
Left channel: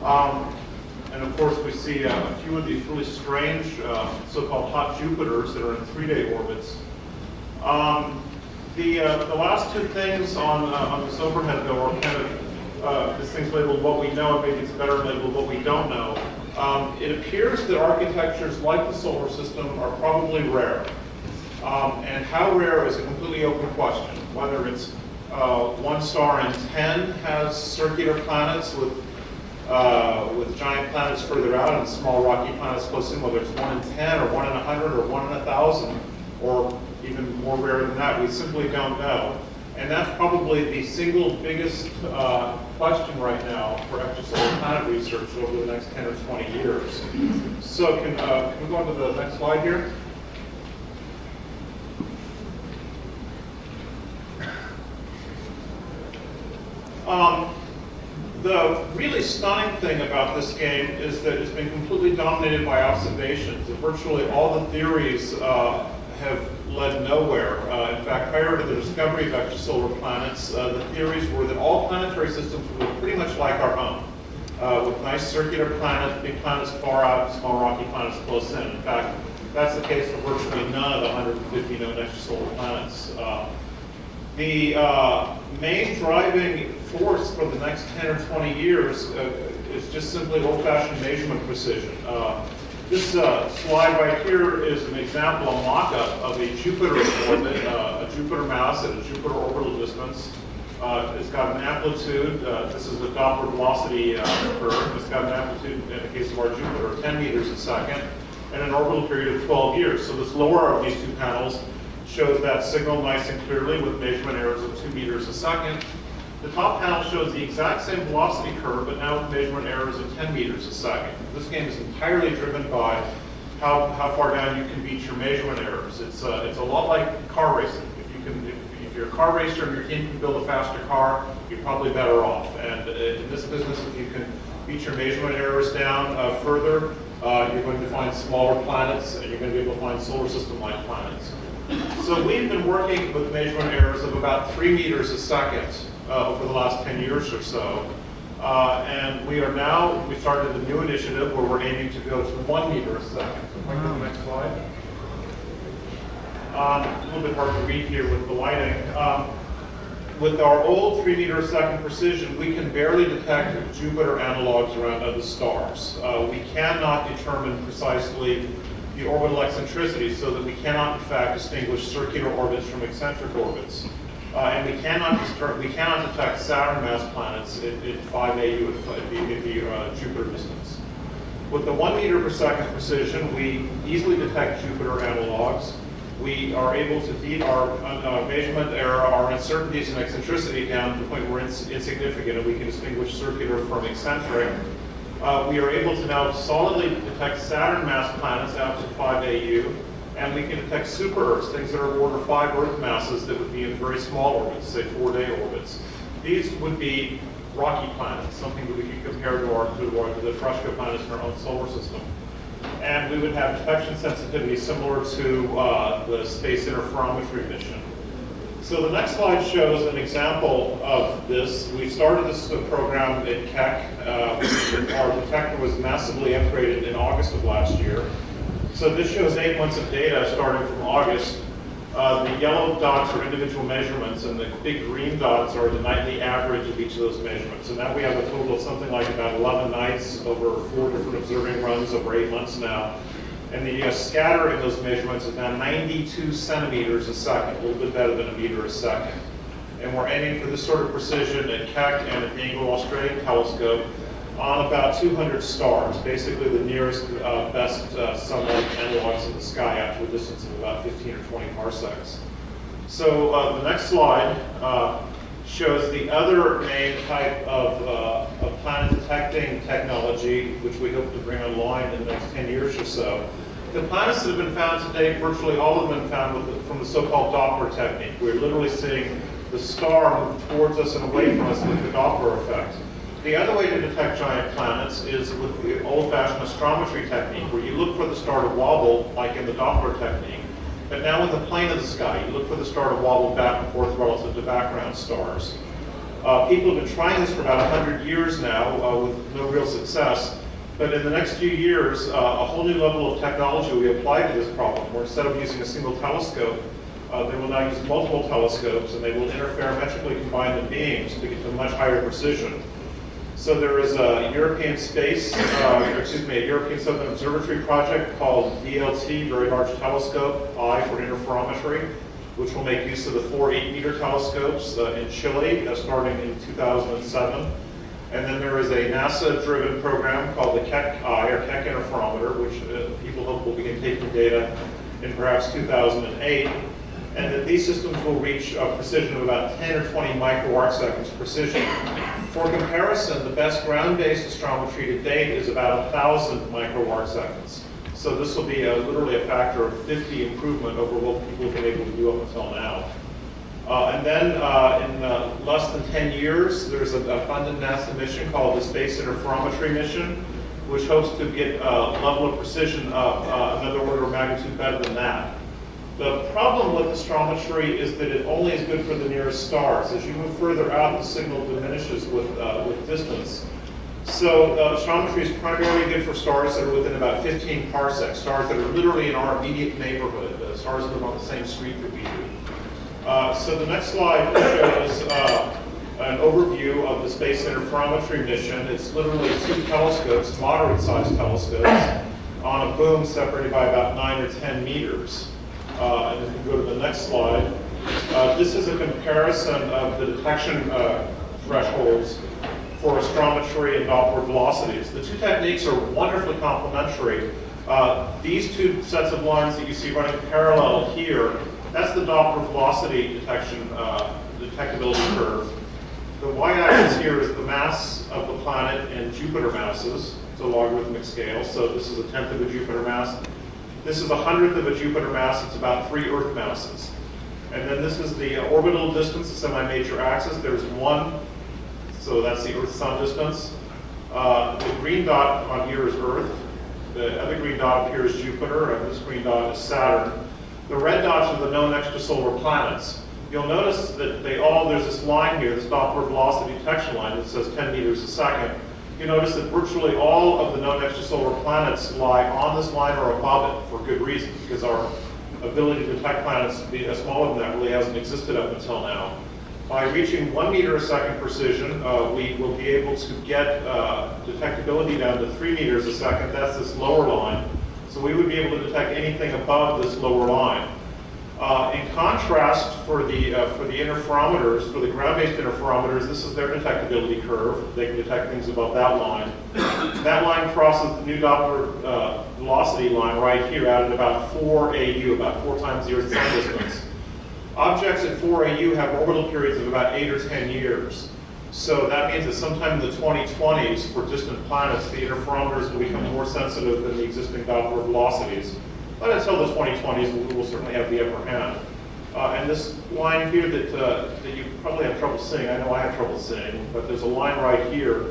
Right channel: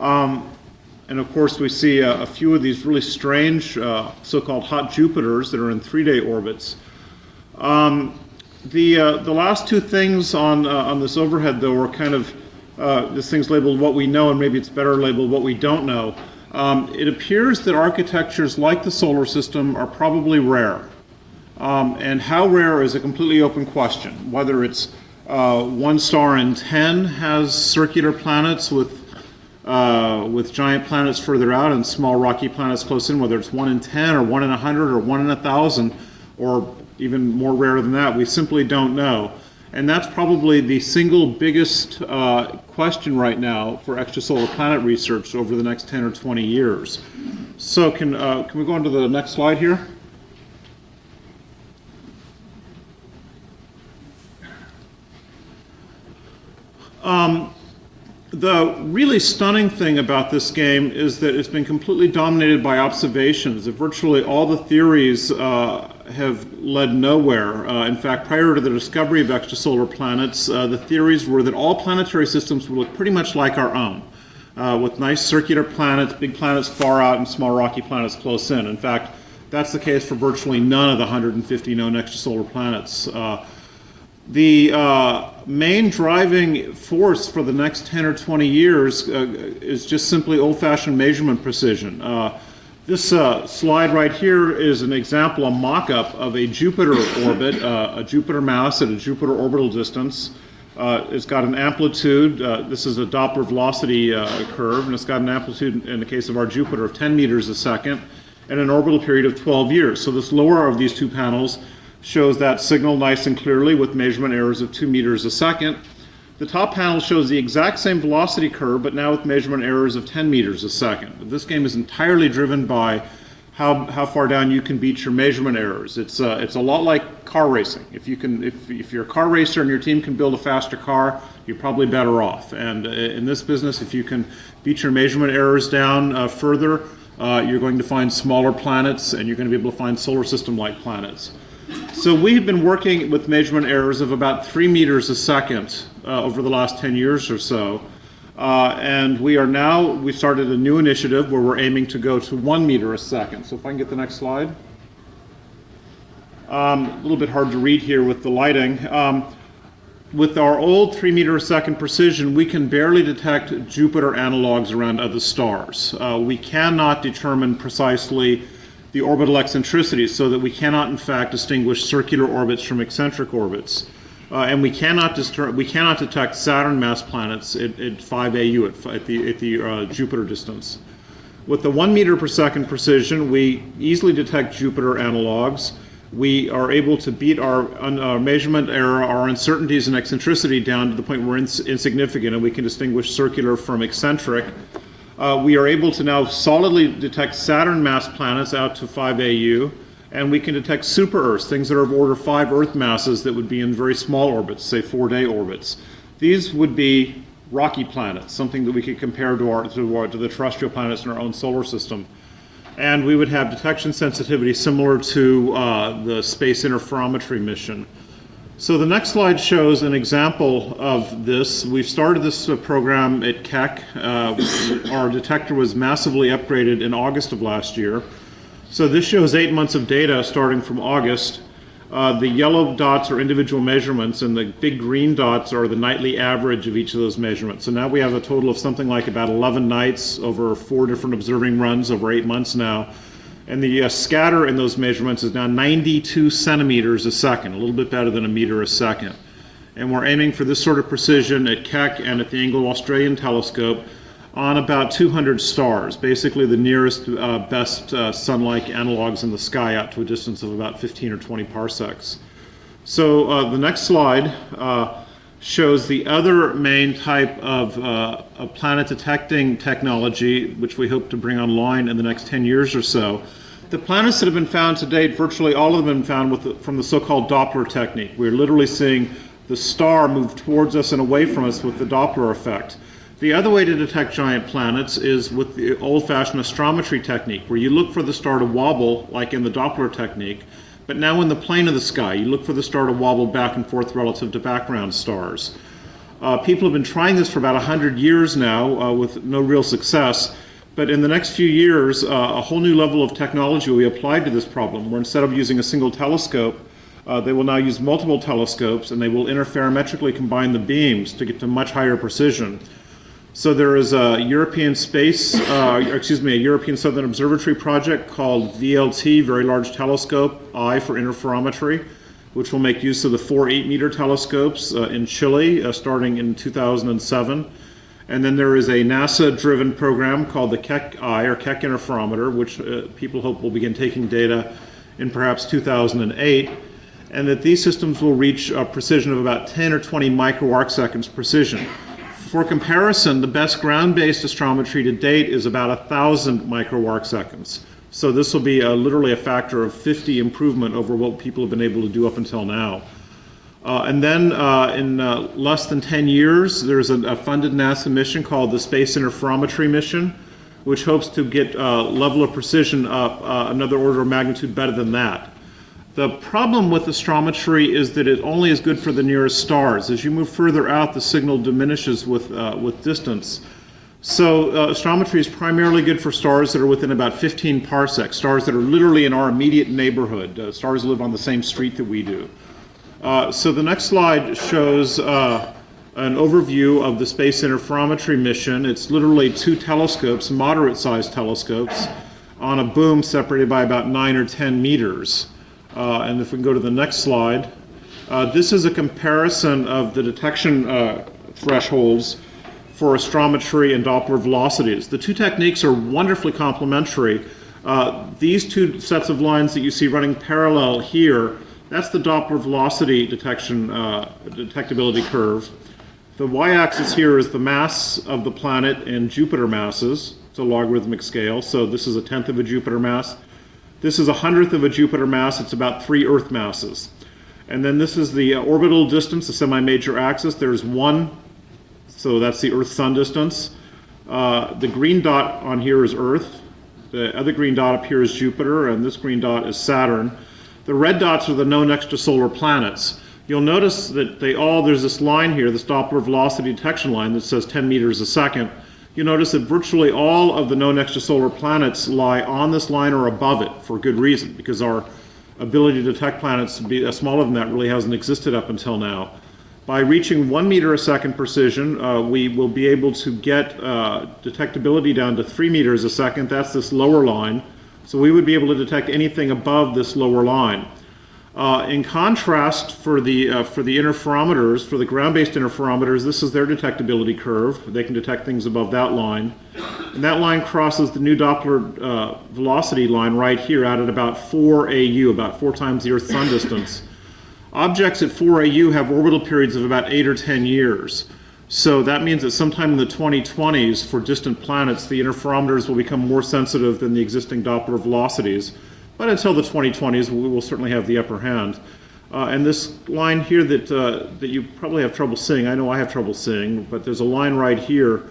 And of course, we see a few of these really strange so-called hot Jupiters that are in 3-day orbits. The last two things on this overhead, though, are kind of this thing's labeled what we know, and maybe it's better labeled what we don't know. It appears that architectures like the solar system are probably rare. And how rare is a completely open question. Whether it's 1 star in 10 has circular planets with giant planets further out and small rocky planets close in, whether it's 1 in 10 or 1 in 100 or 1 in 1,000, or even more rare than that, we simply don't know. And that's probably the single biggest question right now for extrasolar planet research over the next 10 or 20 years. So can we go on to the next slide here? The really stunning thing about this game is that it's been completely dominated by observations. That virtually all the theories have led nowhere. In fact, prior to the discovery of extrasolar planets, the theories were that all planetary systems would look pretty much like our own, with nice circular planets, big planets far out, and small rocky planets close in. In fact, that's the case for virtually none of the 150 known extrasolar planets. The main driving force for the next 10 or 20 years is just simply old-fashioned measurement precision. This slide right here is an example, a mock-up of a Jupiter orbit, a Jupiter mass at a Jupiter orbital distance. It's got an amplitude, this is a Doppler velocity curve, and it's got an amplitude, in the case of our Jupiter, of 10 meters a second, and an orbital period of 12 years. So this lower of these two panels shows that signal nice and clearly with measurement errors of 2 meters a second. The top panel shows the exact same velocity curve, but now with measurement errors of 10 meters a second. But this game is entirely driven by how far down you can beat your measurement errors. It's a lot like car racing. If you're a car racer and your team can build a faster car, you're probably better off. And in this business, if you can beat your measurement errors down further, you're going to find smaller planets, and you're going to be able to find solar system-like planets. So we've been working with measurement errors of about 3 meters a second over the last 10 years or so. And we started a new initiative where we're aiming to go to 1 meter a second. So if I can get the next slide. A little bit hard to read here with the lighting. With our old 3 meter a second precision, we can barely detect Jupiter analogs around other stars. We cannot determine precisely the orbital eccentricities, so that we cannot in fact distinguish circular orbits from eccentric orbits. And we cannot detect Saturn mass planets at 5 AU, at the Jupiter distance. With the 1 meter per second precision, we easily detect Jupiter analogs. We are able to beat our measurement error, our uncertainties and eccentricity down to the point where we're insignificant, and we can distinguish circular from eccentric. We are able to now solidly detect Saturn mass planets out to 5 AU, and we can detect super Earths, things that are of order 5 Earth masses that would be in very small orbits, say 4-day orbits. These would be rocky planets, something that we could compare to the terrestrial planets in our own solar system. And we would have detection sensitivity similar to the Space Interferometry mission. So the next slide shows an example of this. We've started this program at Keck. Our detector was massively upgraded in August of last year. So this shows 8 months of data starting from August. The yellow dots are individual measurements, and the big green dots are the nightly average of each of those measurements. So now we have a total of something like about 11 nights over 4 different observing runs over 8 months now. And the scatter in those measurements is now 92 centimeters a second, a little bit better than a meter a second. And we're aiming for this sort of precision at Keck and at the Anglo-Australian telescope on about 200 stars, basically the nearest best sun-like analogs in the sky out to a distance of about 15 or 20 parsecs. So the next slide shows the other main type of planet detecting technology, which we hope to bring online in the next 10 years or so. The planets that have been found to date, virtually all have been found from the so-called Doppler technique. We're literally seeing the star move towards us and away from us with the Doppler effect. The other way to detect giant planets is with the old-fashioned astrometry technique, where you look for the star to wobble, like in the Doppler technique, but now in the plane of the sky, you look for the star to wobble back and forth relative to background stars. People have been trying this for about 100 years now with no real success, but in the next few years, a whole new level of technology will be applied to this problem, where instead of using a single telescope, they will now use multiple telescopes, and they will interferometrically combine the beams to get to much higher precision. So there is a European a European Southern Observatory project called VLT, Very Large Telescope, I for interferometry, which will make use of the 4 8-meter telescopes in Chile starting in 2007. And then there is a NASA-driven program called the Keck Eye, or Keck Interferometer, which people hope will begin taking data in perhaps 2008. And that these systems will reach a precision of about 10 or 20 microarcseconds precision. For comparison, the best ground-based astrometry to date is about 1,000 microarcseconds. So this will be literally a factor of 50 improvement over what people have been able to do up until now. And then in less than 10 years, there's a funded NASA mission called the Space Interferometry mission, which hopes to get a level of precision another order of magnitude better than that. The problem with astrometry is that it only is good for the nearest stars. As you move further out, the signal diminishes with distance. So astrometry is primarily good for stars that are within about 15 parsecs, stars that are literally in our immediate neighborhood, stars that live on the same street that we do. So the next slide shows an overview of the Space Interferometry mission. It's literally 2 telescopes, moderate-sized telescopes, on a boom separated by about 9 or 10 meters. And if we can go to the next slide, this is a comparison of the detection thresholds for astrometry and Doppler velocities. The 2 techniques are wonderfully complementary. These 2 sets of lines that you see running parallel here, that's the Doppler velocity detection detectability curve. The y-axis here is the mass of the planet in Jupiter masses. It's a logarithmic scale, so this is 1/10 of a Jupiter mass. This is 100th of a Jupiter mass. It's about 3 Earth masses. And then this is the orbital distance, the semi-major axis. There's 1, so that's the Earth-Sun distance. The green dot on here is Earth. The other green dot up here is Jupiter, and this green dot is Saturn. The red dots are the known extrasolar planets. You'll notice that there's this line here, this Doppler velocity detection line that says 10 meters a second. You notice that virtually all of the known extrasolar planets lie on this line or above it for good reason, because our ability to detect planets smaller than that really hasn't existed up until now. By reaching 1 meter a second precision, we will be able to get detectability down to 3 meters a second. That's this lower line. So we would be able to detect anything above this lower line. In contrast, for the interferometers, for the ground-based interferometers, this is their detectability curve. They can detect things above that line. And that line crosses the new Doppler velocity line right here out at about 4 AU, about 4 times the Earth's sun distance. Objects at 4 AU have orbital periods of about 8 or 10 years. So that means that sometime in the 2020s, for distant planets, the interferometers will become more sensitive than the existing Doppler velocities. But until the 2020s, we will certainly have the upper hand. And this line here that you probably have trouble seeing, I know I have trouble seeing, but there's a line right here.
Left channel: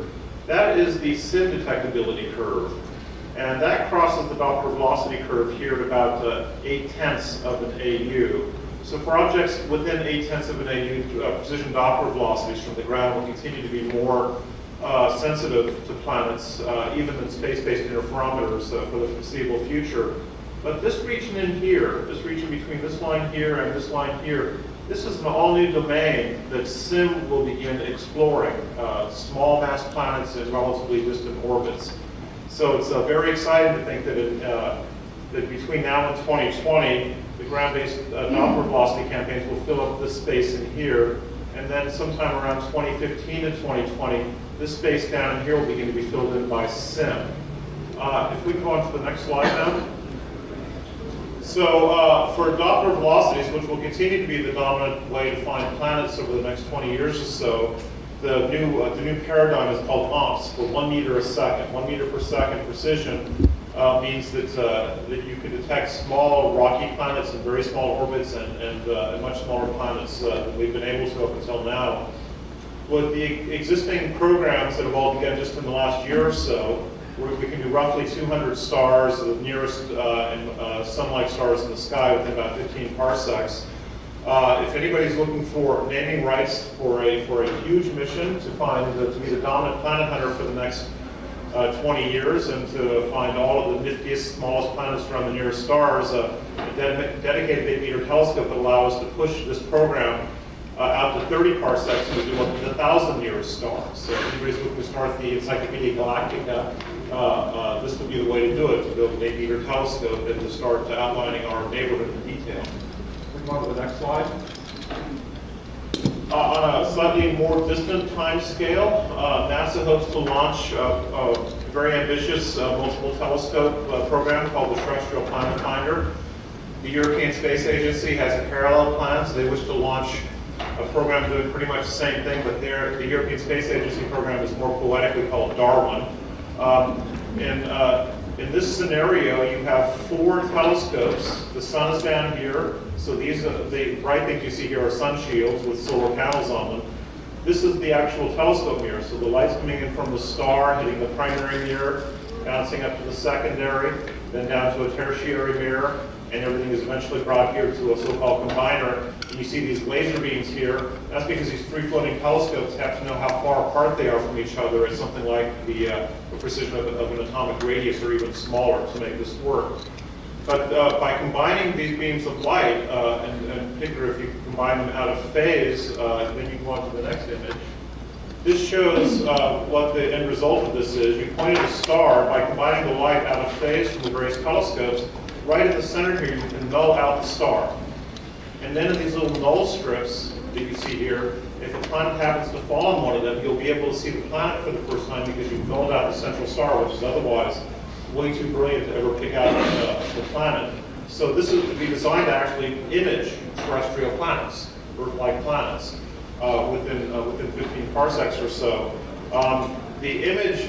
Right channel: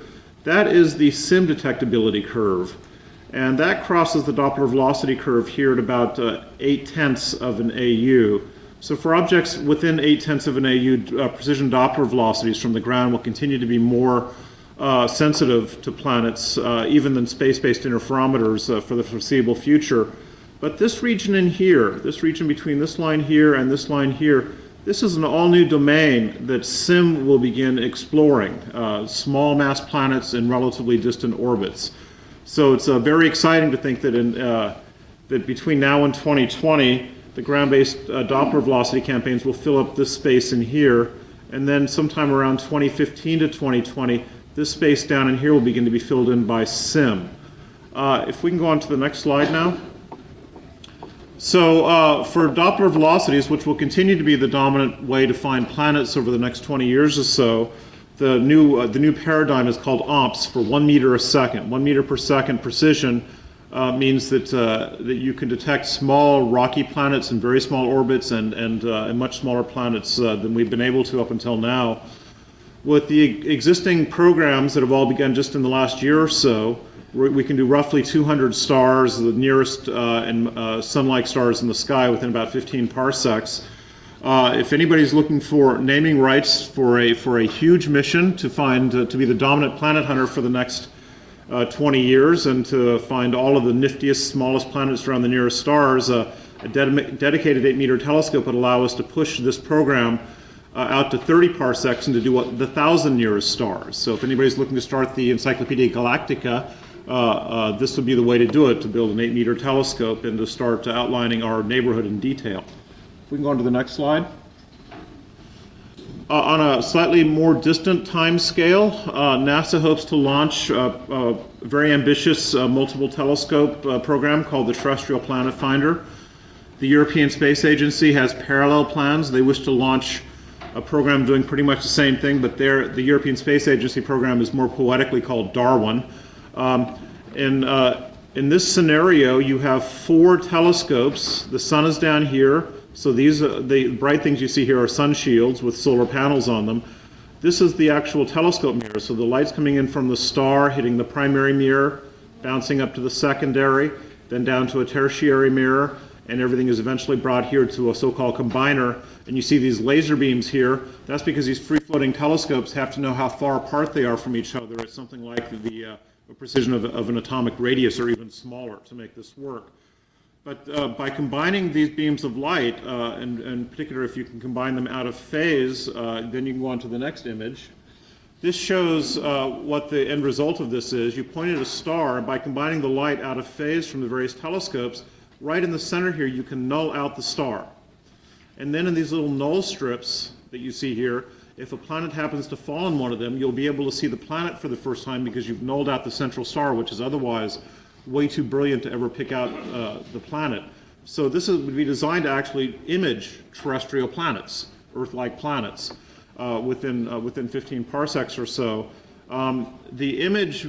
That is the SIM detectability curve. And that crosses the Doppler velocity curve here at about 0.8 of an AU. So for objects within 0.8 of an AU, precision Doppler velocities from the ground will continue to be more sensitive to planets, even than space-based interferometers for the foreseeable future. But this region in here, this region between this line here and this line here, this is an all-new domain that SIM will begin exploring, small mass planets in relatively distant orbits. So it's very exciting to think that, that between now and 2020, the ground-based Doppler velocity campaigns will fill up this space in here, and then sometime around 2015 to 2020, this space down in here will begin to be filled in by SIM. If we can go on to the next slide now. So for Doppler velocities, which will continue to be the dominant way to find planets over the next 20 years or so, the new paradigm is called OMPS, for 1 meter a second. 1 meter per second precision means that you can detect small rocky planets in very small orbits and much smaller planets than we've been able to up until now. With the existing programs that have all begun just in the last year or so, we can do roughly 200 stars, the nearest and sun-like stars in the sky within about 15 parsecs. If anybody's looking for naming rights for a huge mission to find to be the dominant planet hunter for the next 20 years and to find all of the niftiest, smallest planets around the nearest stars, a dedicated 8-meter telescope would allow us to push this program out to 30 parsecs and to do what the 1,000 nearest stars. So if anybody's looking to start the Encyclopedia Galactica, this would be the way to do it, to build an 8-meter telescope and to start outlining our neighborhood in detail. We can go on to the next slide. On a slightly more distant time scale, NASA hopes to launch a very ambitious multiple telescope program called the Terrestrial Planet Finder. The European Space Agency has parallel plans. They wish to launch a program doing pretty much the same thing, but the European Space Agency program is more poetically called Darwin. In this scenario, you have 4 telescopes. The sun is down here, so these the bright things you see here are sun shields with solar panels on them. This is the actual telescope mirror, so the light's coming in from the star, hitting the primary mirror, bouncing up to the secondary, then down to a tertiary mirror, and everything is eventually brought here to a so-called combiner. And you see these laser beams here. That's because these free-floating telescopes have to know how far apart they are from each other. It's something like the precision of an atomic radius or even smaller to make this work. But by combining these beams of light, and in particular if you can combine them out of phase, then you can go on to the next image. This shows what the end result of this is. You pointed a star. By combining the light out of phase from the various telescopes, right in the center here you can null out the star. And then in these little null strips that you see here, if a planet happens to fall on one of them, you'll be able to see the planet for the first time because you've nulled out the central star, which is otherwise way too brilliant to ever pick out the planet. So this is to be designed to actually image terrestrial planets, Earth-like planets, within 15 parsecs or so. The image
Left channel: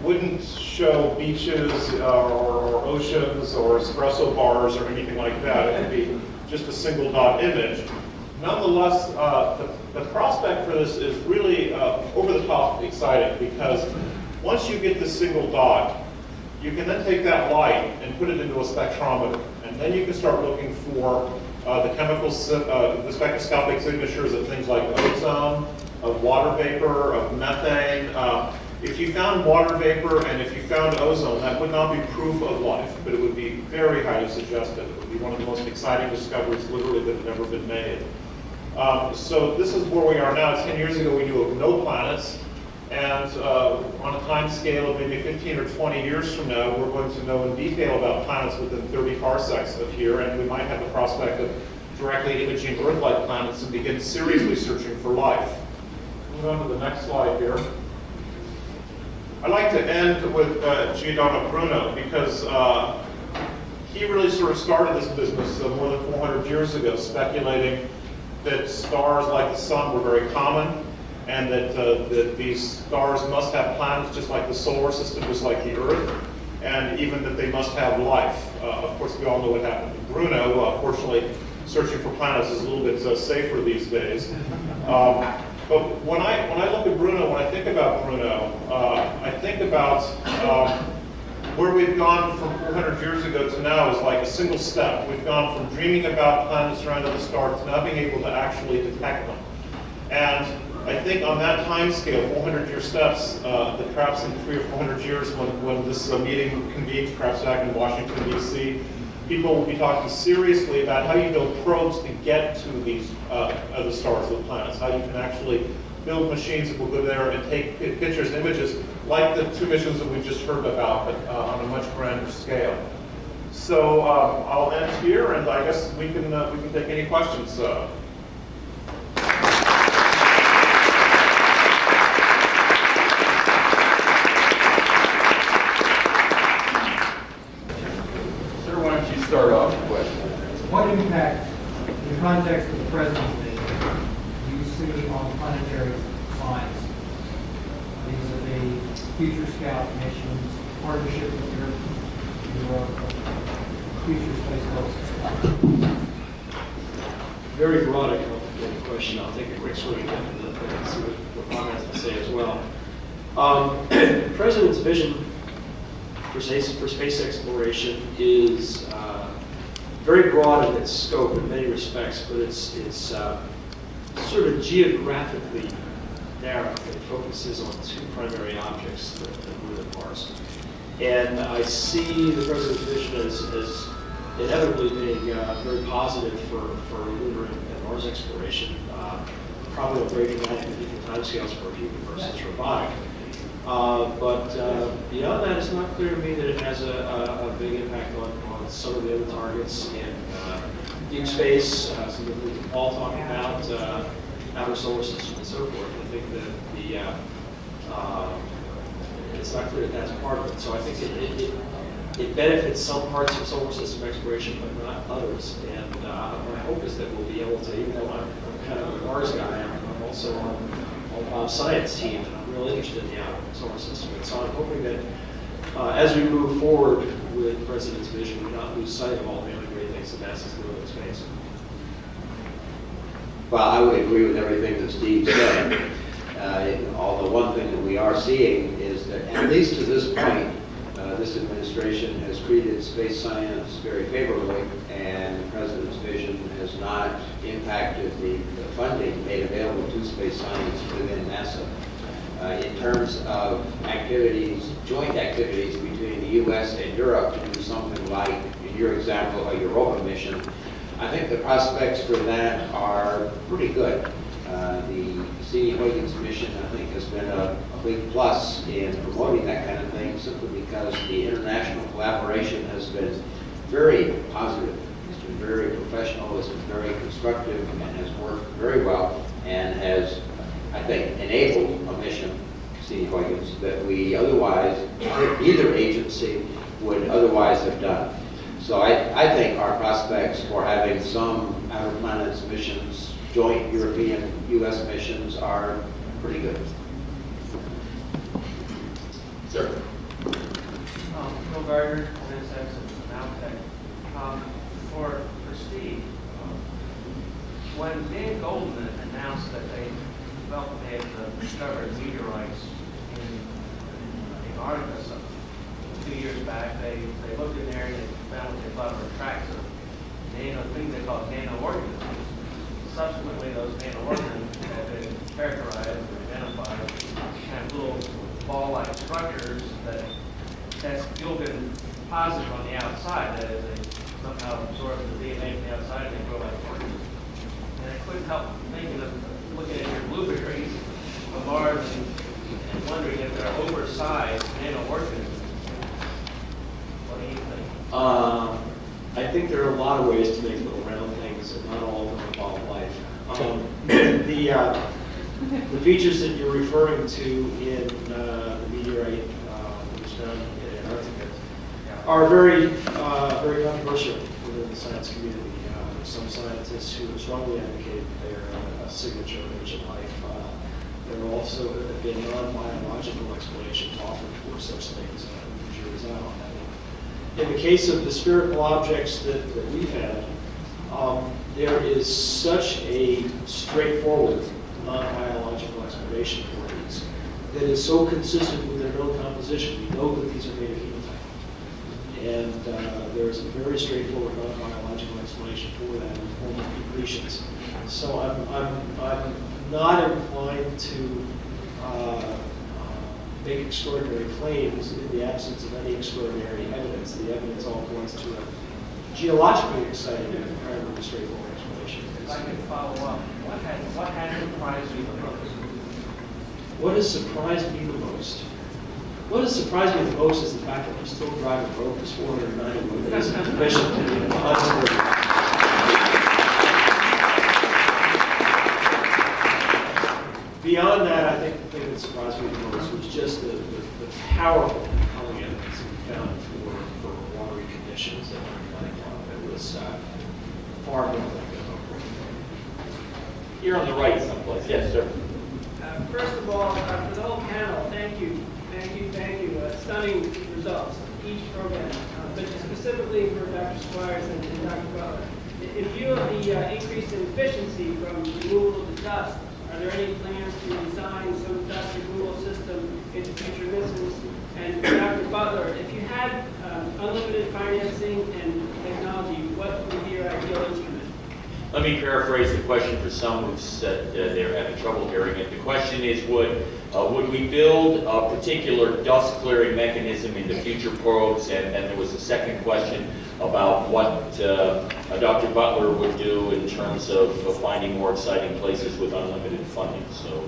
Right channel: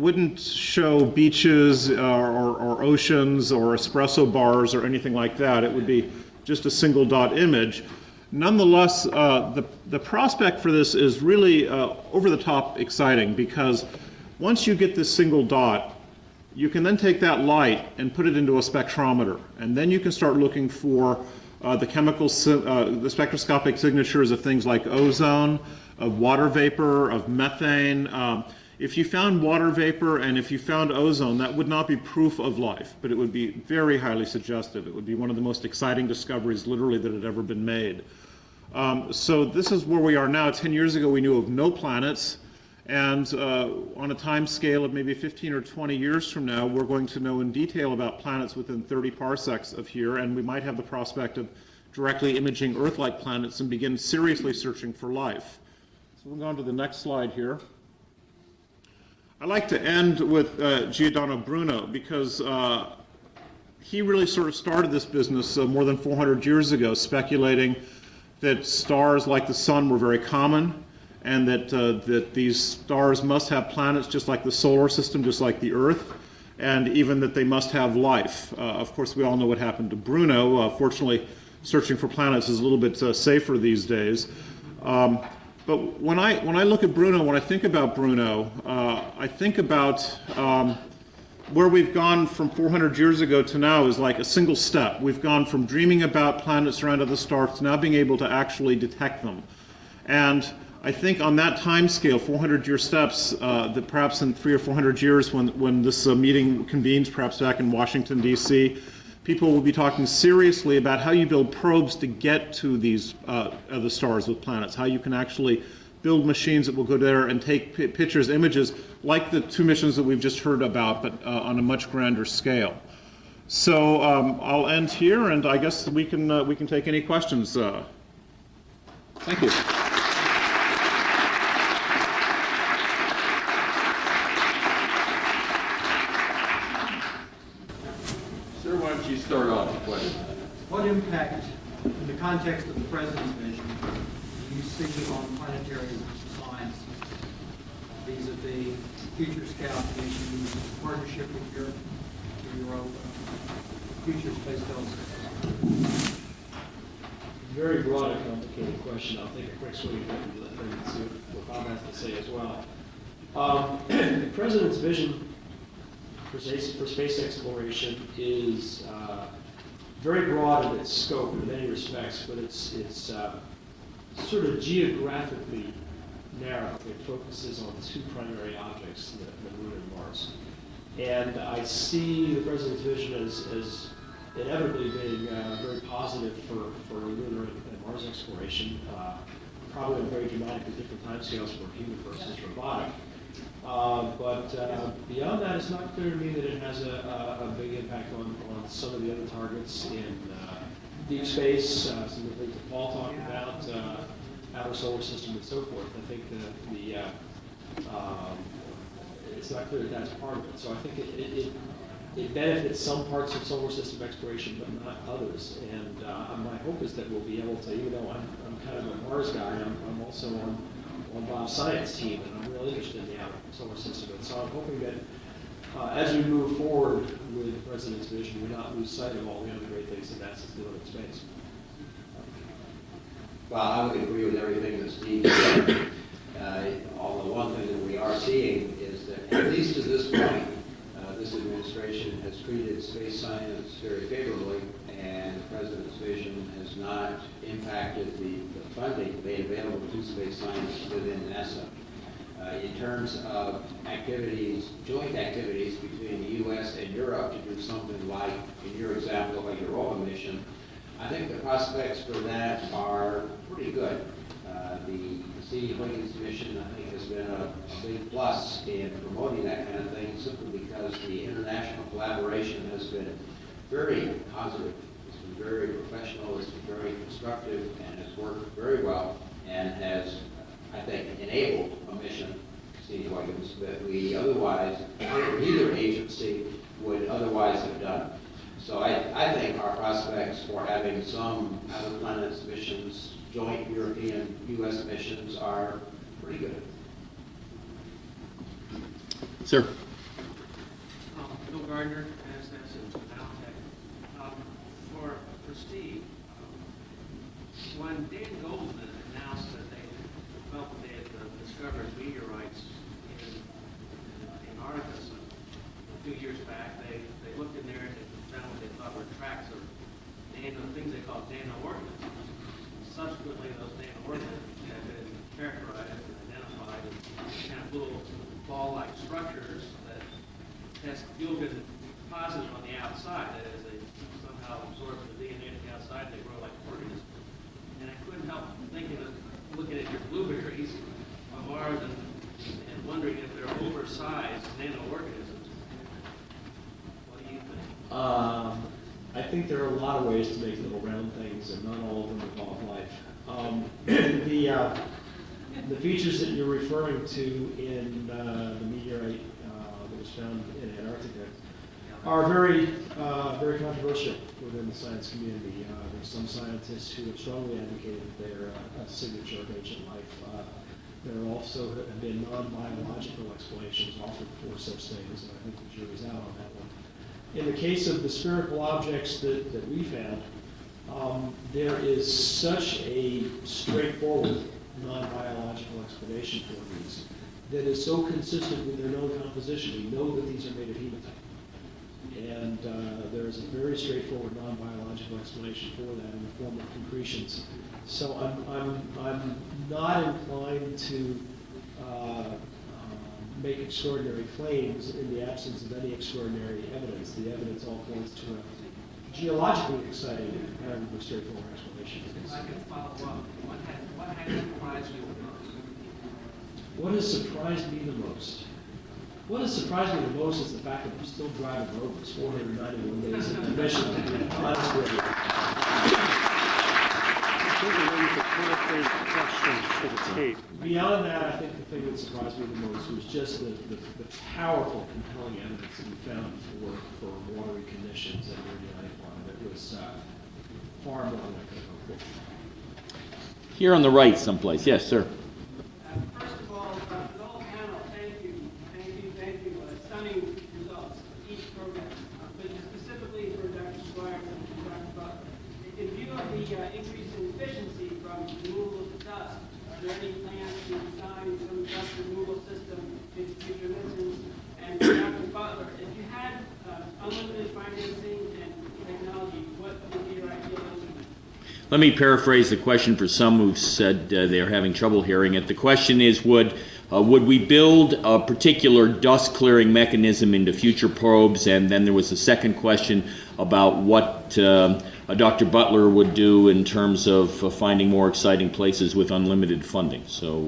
wouldn't show beaches or oceans or espresso bars or anything like that. It would be just a single dot image. Nonetheless, the prospect for this is really over the top exciting, because once you get this single dot, you can then take that light and put it into a spectrometer, and then you can start looking for the spectroscopic signatures of things like ozone, of water vapor, of methane. If you found water vapor and if you found ozone, that would not be proof of life, but it would be very highly suggestive. It would be one of the most exciting discoveries literally that had ever been made. So this is where we are now. 10 years ago we knew of no planets, and on a time scale of maybe 15 or 20 years from now, we're going to know in detail about planets within 30 parsecs of here, and we might have the prospect of directly imaging Earth-like planets and begin seriously searching for life. Move on to the next slide here. I'd like to end with Giordano Bruno, because he really sort of started this business more than 400 years ago, speculating that stars like the sun were very common, and that these stars must have planets just like the solar system, just like the Earth. and even that they must have life. Of course, we all know what happened to Bruno. Fortunately, searching for planets is a little bit safer these days. But when I look at Bruno, when I think about Bruno, I think about where we've gone from 400 years ago to now is like a single step. We've gone from dreaming about planets around other stars to now being able to actually detect them. And I think on that time scale, 400-year steps, that perhaps in 300 or 400 years when this meeting convenes, perhaps back in Washington, D.C., people will be talking seriously about how you build probes to get to these other stars with planets, how you can actually build machines that will go there and take pictures, images, like the 2 missions that we've just heard about, but on a much grander scale. So I'll end here, and I guess we can take any questions. Thank you. Start off with. What impact, in the context of the President's vision, do you see on planetary science vis-a-vis future scout missions, partnership with Europe, future space telescope? Very broad and complicated question. I'll take a quick swing at it and see what Ron has to say as well. The President's vision for space exploration is very broad in its scope in many respects, but it's sort of geographically narrow. It focuses on 2 primary objects that live in Mars. And I see the President's vision as inevitably being very positive for lunar and Mars exploration, probably on very dramatic and different timescales for human versus robotic. But beyond that, it's not clear to me that it has a big impact on some of the other targets in deep space, some of the things that Paul talked about, outer solar system and so forth. I think that it's not clear that that's part of it. So I think it benefits some parts of solar system exploration, but not others. And my hope is that we'll be able to, even though I'm kind of a Mars guy, I'm also on Bob's science team, and I'm really interested in the outer solar system. And so I'm hoping that as we move forward with the President's vision, we not lose sight of all the other great things that NASA's doing in space. Well, I would agree with everything that Steve said. Although one thing that we are seeing is that, at least to this point, this administration has treated space science very favorably, and the President's vision has not impacted the funding made available to space science within NASA. In terms of activities, joint activities between the U.S. and Europe to do something like, in your example, a Europa mission, I think the prospects for that are pretty good. The Cassini-Huygens mission, I think, has been a big plus in promoting that kind of thing, simply because the international collaboration has been very positive. It's been very professional, it's been very constructive, and has worked very well, and has, I think, enabled a mission, Cassini-Huygens, that we otherwise, neither agency would otherwise have done. So I think our prospects for having some outer planets missions, joint European-U.S. missions, are pretty good. Sir. Phil Gardner, NSX and Maltech. For Steve, when Dan Goldman announced that they had discovered meteorites in Antarctica 2 years back, they looked in there and they found what they thought were tracks of things they called nano-organisms. Subsequently, those nano-organisms have been characterized and identified as kind of little ball-like structures that test Gilgan positive on the outside. That is, they somehow absorb the DNA from the outside and they grow like organisms. And I couldn't help thinking of looking at your blueberries of Mars and wondering if they're oversized nano-organisms. What do you think? I think there are a lot of ways to make little round things, and not all of them involve life. The features that you're referring to in the meteorite that was found in Antarctica are very controversial within the science community. There's some scientists who strongly advocate they're a signature of ancient life. There also have been non-biological explanations offered for such things. I think the jury's out on that in the case of the spherical objects that we found, there is such a straightforward non-biological explanation for these that is so consistent with their known composition. We know that these are made of hematite. And there's a very straightforward non-biological explanation for that in the form of accretions. So I'm not inclined to make extraordinary claims in the absence of any extraordinary evidence. The evidence all points to a geologically exciting and incredibly straightforward explanation. If I can follow up, what had surprised you the most? What has surprised me the most? What has surprised me the most is the fact that we're still driving a road that's 491 days of commission. Beyond that, I think the thing that surprised me the most was just the powerful compelling evidence that we found for watery conditions and replanting law. It was far more than I could hope for. Here on the right someplace. Yes, sir. First of all, for the whole panel, thank you. Stunning results, each program, but specifically for Dr. Squires and Dr. Butler. In view of the increase in efficiency from removal of the dust, are there any plans to design some dust removal system into future missions? And for Dr. Butler, if you had unlimited financing and technology, what would be your ideal instrument? Let me paraphrase the question for some who've said they're having trouble hearing it. The question is, would we build a particular dust clearing mechanism into future probes? And then there was a second question about what Dr. Butler would do in terms of finding more exciting places with unlimited funding. So,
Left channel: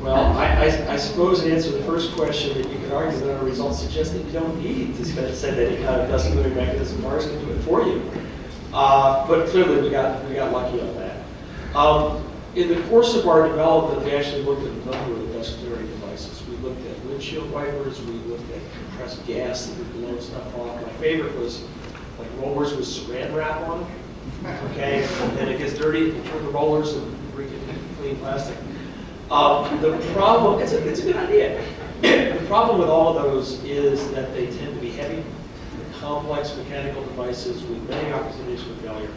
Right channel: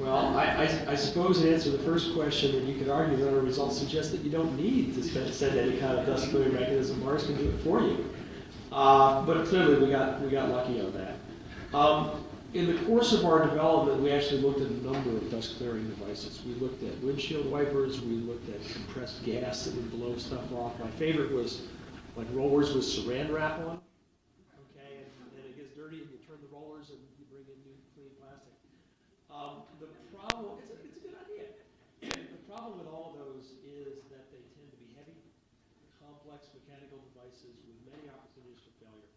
well, I suppose in answer to the first question, that you could argue that our results suggest that you don't need to send any kind of dust clearing mechanism. Mars can do it for you. But clearly we got lucky on that. In the course of our development, we actually looked at a number of dust clearing devices. We looked at windshield wipers, we looked at compressed gas that would blow stuff off. My favorite was like rollers with saran wrap on them. Okay, and then it gets dirty, you turn the rollers and bring it into clean plastic. The problem, it's a good idea. The problem with all of those is that they tend to be heavy, complex mechanical devices with many opportunities for failure.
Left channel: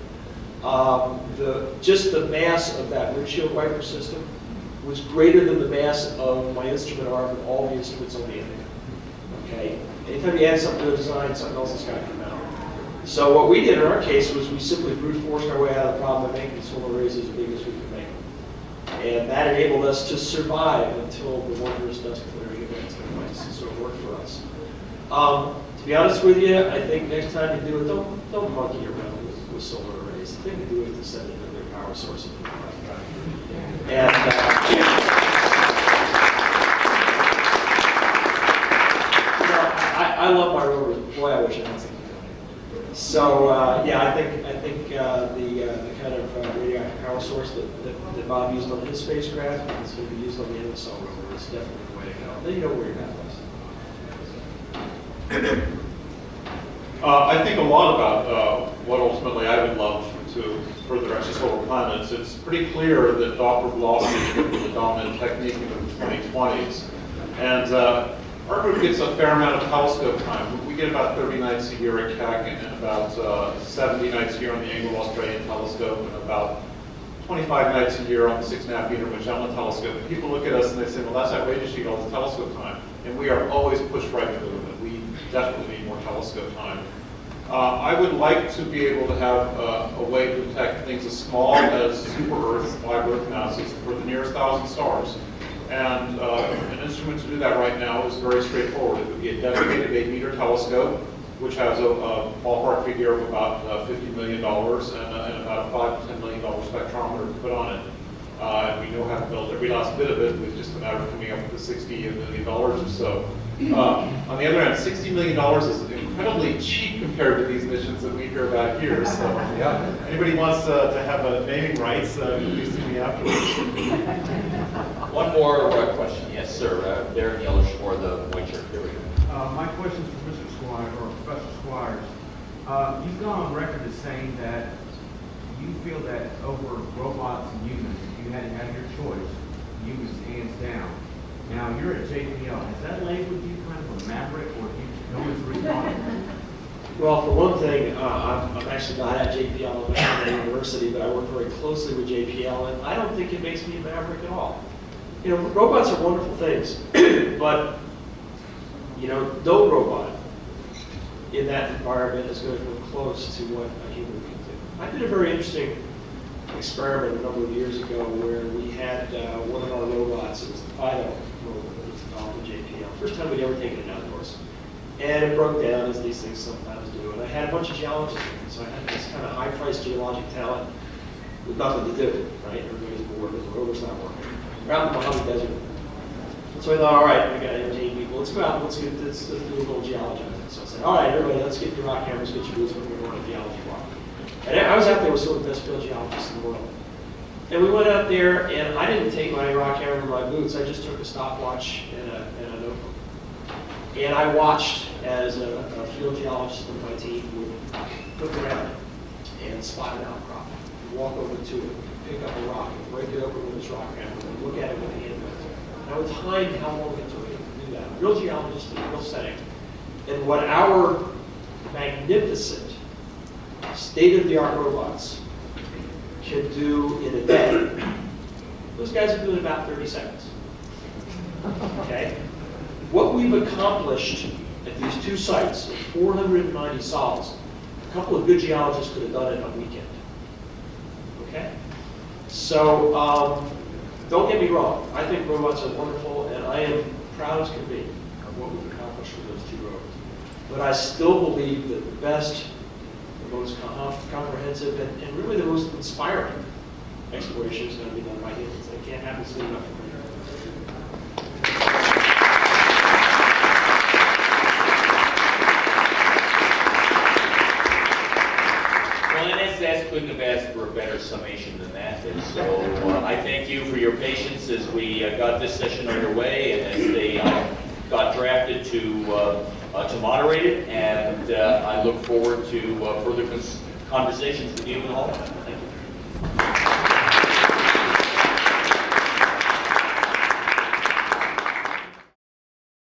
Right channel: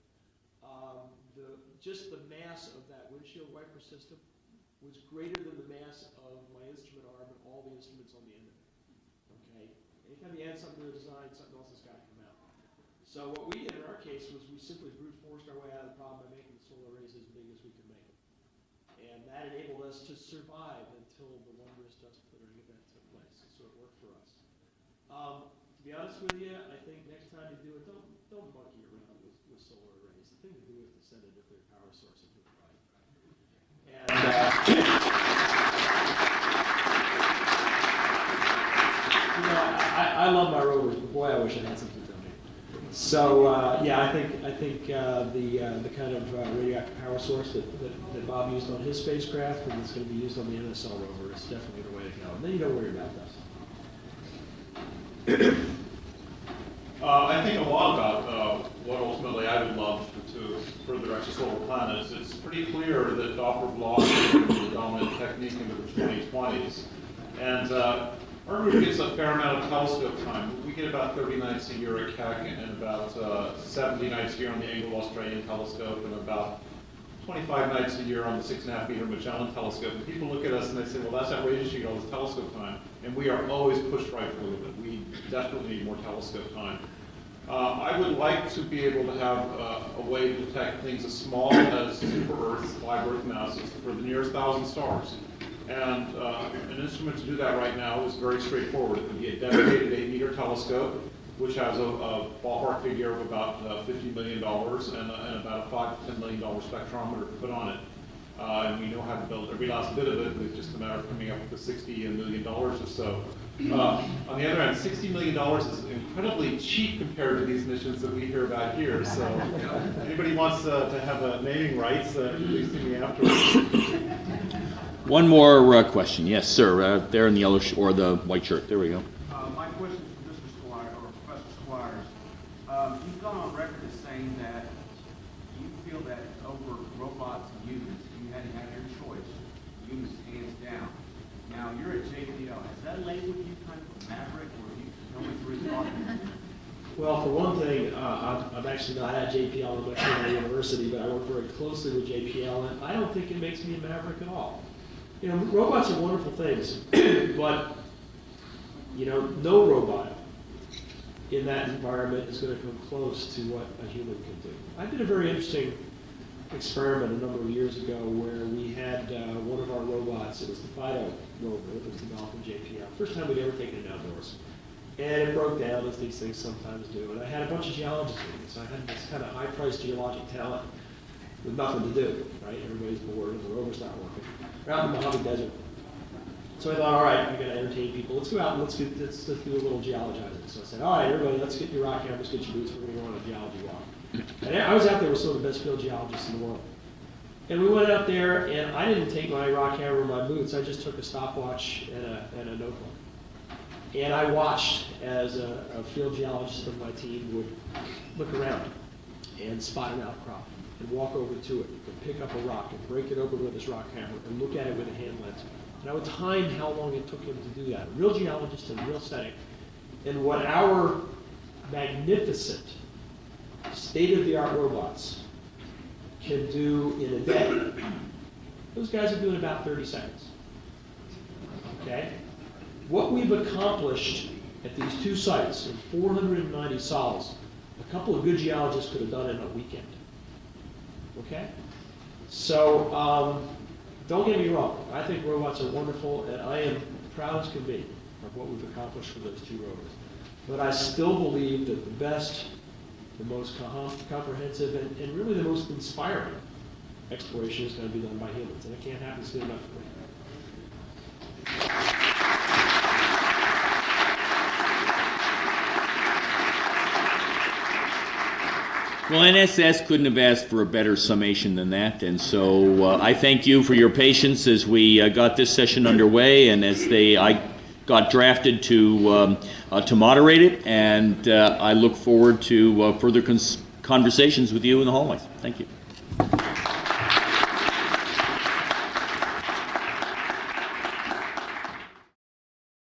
Just the mass of that windshield wiper system was greater than the mass of my instrument arm and all the instruments on the end. Okay? Anytime you add something to a design, something else has got to come out. So what we did in our case was we simply brute forced our way out of the problem by making solar arrays as big as we could make them. And that enabled us to survive until the wondrous dust clearing event took place. So it worked for us. To be honest with you, I think next time you do it, don't monkey around with solar arrays. The thing to do is to send it to their power source. And I love my rovers. Boy, I wish I had something doing it. So yeah, I think the kind of radioactive power source that Bob used on his spacecraft and it's going to be used on the MSL rover is definitely the way to go. Then you know where you're going. I think a lot about what ultimately I would love to further access over planets. It's pretty clear that Doppler blocking is the dominant technique in the 2020s. And our group gets a fair amount of telescope time. We get about 30 nights a year at Keck and about 70 nights a year on the Anglo-Australian telescope and about 25 nights a year on the 6.5 meter Magellan telescope. And people look at us and they say, well, that's outrageous, you get all this telescope time. And we are always pushed right to the limit. We definitely need more telescope time. I would like to be able to have a way to detect things as small as super-Earth, live Earth masses for the nearest 1,000 stars. And an instrument to do that right now is very straightforward. It would be a dedicated 8-meter telescope, which has a ballpark figure of about $50 million and about a $5 to $10 million spectrometer to put on it. And we know how to build every last bit of it. It's just a matter of coming up with the $60 million or so. On the other hand, $60 million is incredibly cheap compared to these missions that we hear about here. So, yeah. Anybody wants to have naming rights, please see me afterwards. one more question. Yes, sir. There in the yellow or the white shirt. There we go. My question is for Mr. Squires or Professor Squires. You've gone on record as saying that you feel that over robots and humans, if you had to have your choice, humans hands down. Now, you're at JPL. Has that labeled you kind of a maverick, or do you know it's really on it? JPL, I'm not at university, but I work very closely with JPL, and I don't think it makes me a maverick at all. You know, robots are wonderful things, but, you know, no robot in that environment is going to come close to what a human can do. I did a very interesting experiment a number of years ago where we had one of our robots, it was the Fido robot that was developed at JPL. First time we'd ever taken it outdoors. And it broke down, as these things sometimes do. And I had a bunch of geologists with me, so I had this kind of high-priced geologic talent with nothing to do, right? Everybody's bored, the rover's not working. We're out in the Mojave Desert. So I thought, all right, we got to entertain people. Let's go out, let's do a little geology. So I said, all right, everybody, let's get your rock cameras, get your boots, we're going on a geology walk. And I was out there with some of the best field geologists in the world. And we went out there, and I didn't take my rock camera or my boots. I just took a stopwatch and a notebook. And I watched as a field geologist on my team would look around and spot an outcrop, and walk over to it, pick up a rock, and break it open with his rock camera, and look at it with a hand method. And I would time how long it took him to do that. Real geologist in a real setting. And what our magnificent state-of-the-art robots can do in a day, those guys are doing about 30 seconds. Okay? What we've accomplished at these two sites, of 490 sols, a couple of good geologists could have done it in a weekend. Okay? So, don't get me wrong. I think robots are wonderful, and I am proud as can be of what we've accomplished with those two robots. But I still believe that the best, the most comprehensive, and really the most inspiring exploration is going to be done by humans. And it can't happen soon enough. Well, NSS couldn't have asked for a better summation than that, and so I thank you for your patience as we got this session underway, and as I got drafted to moderate it, and I look forward to further conversations with you in the hallway. Thank you.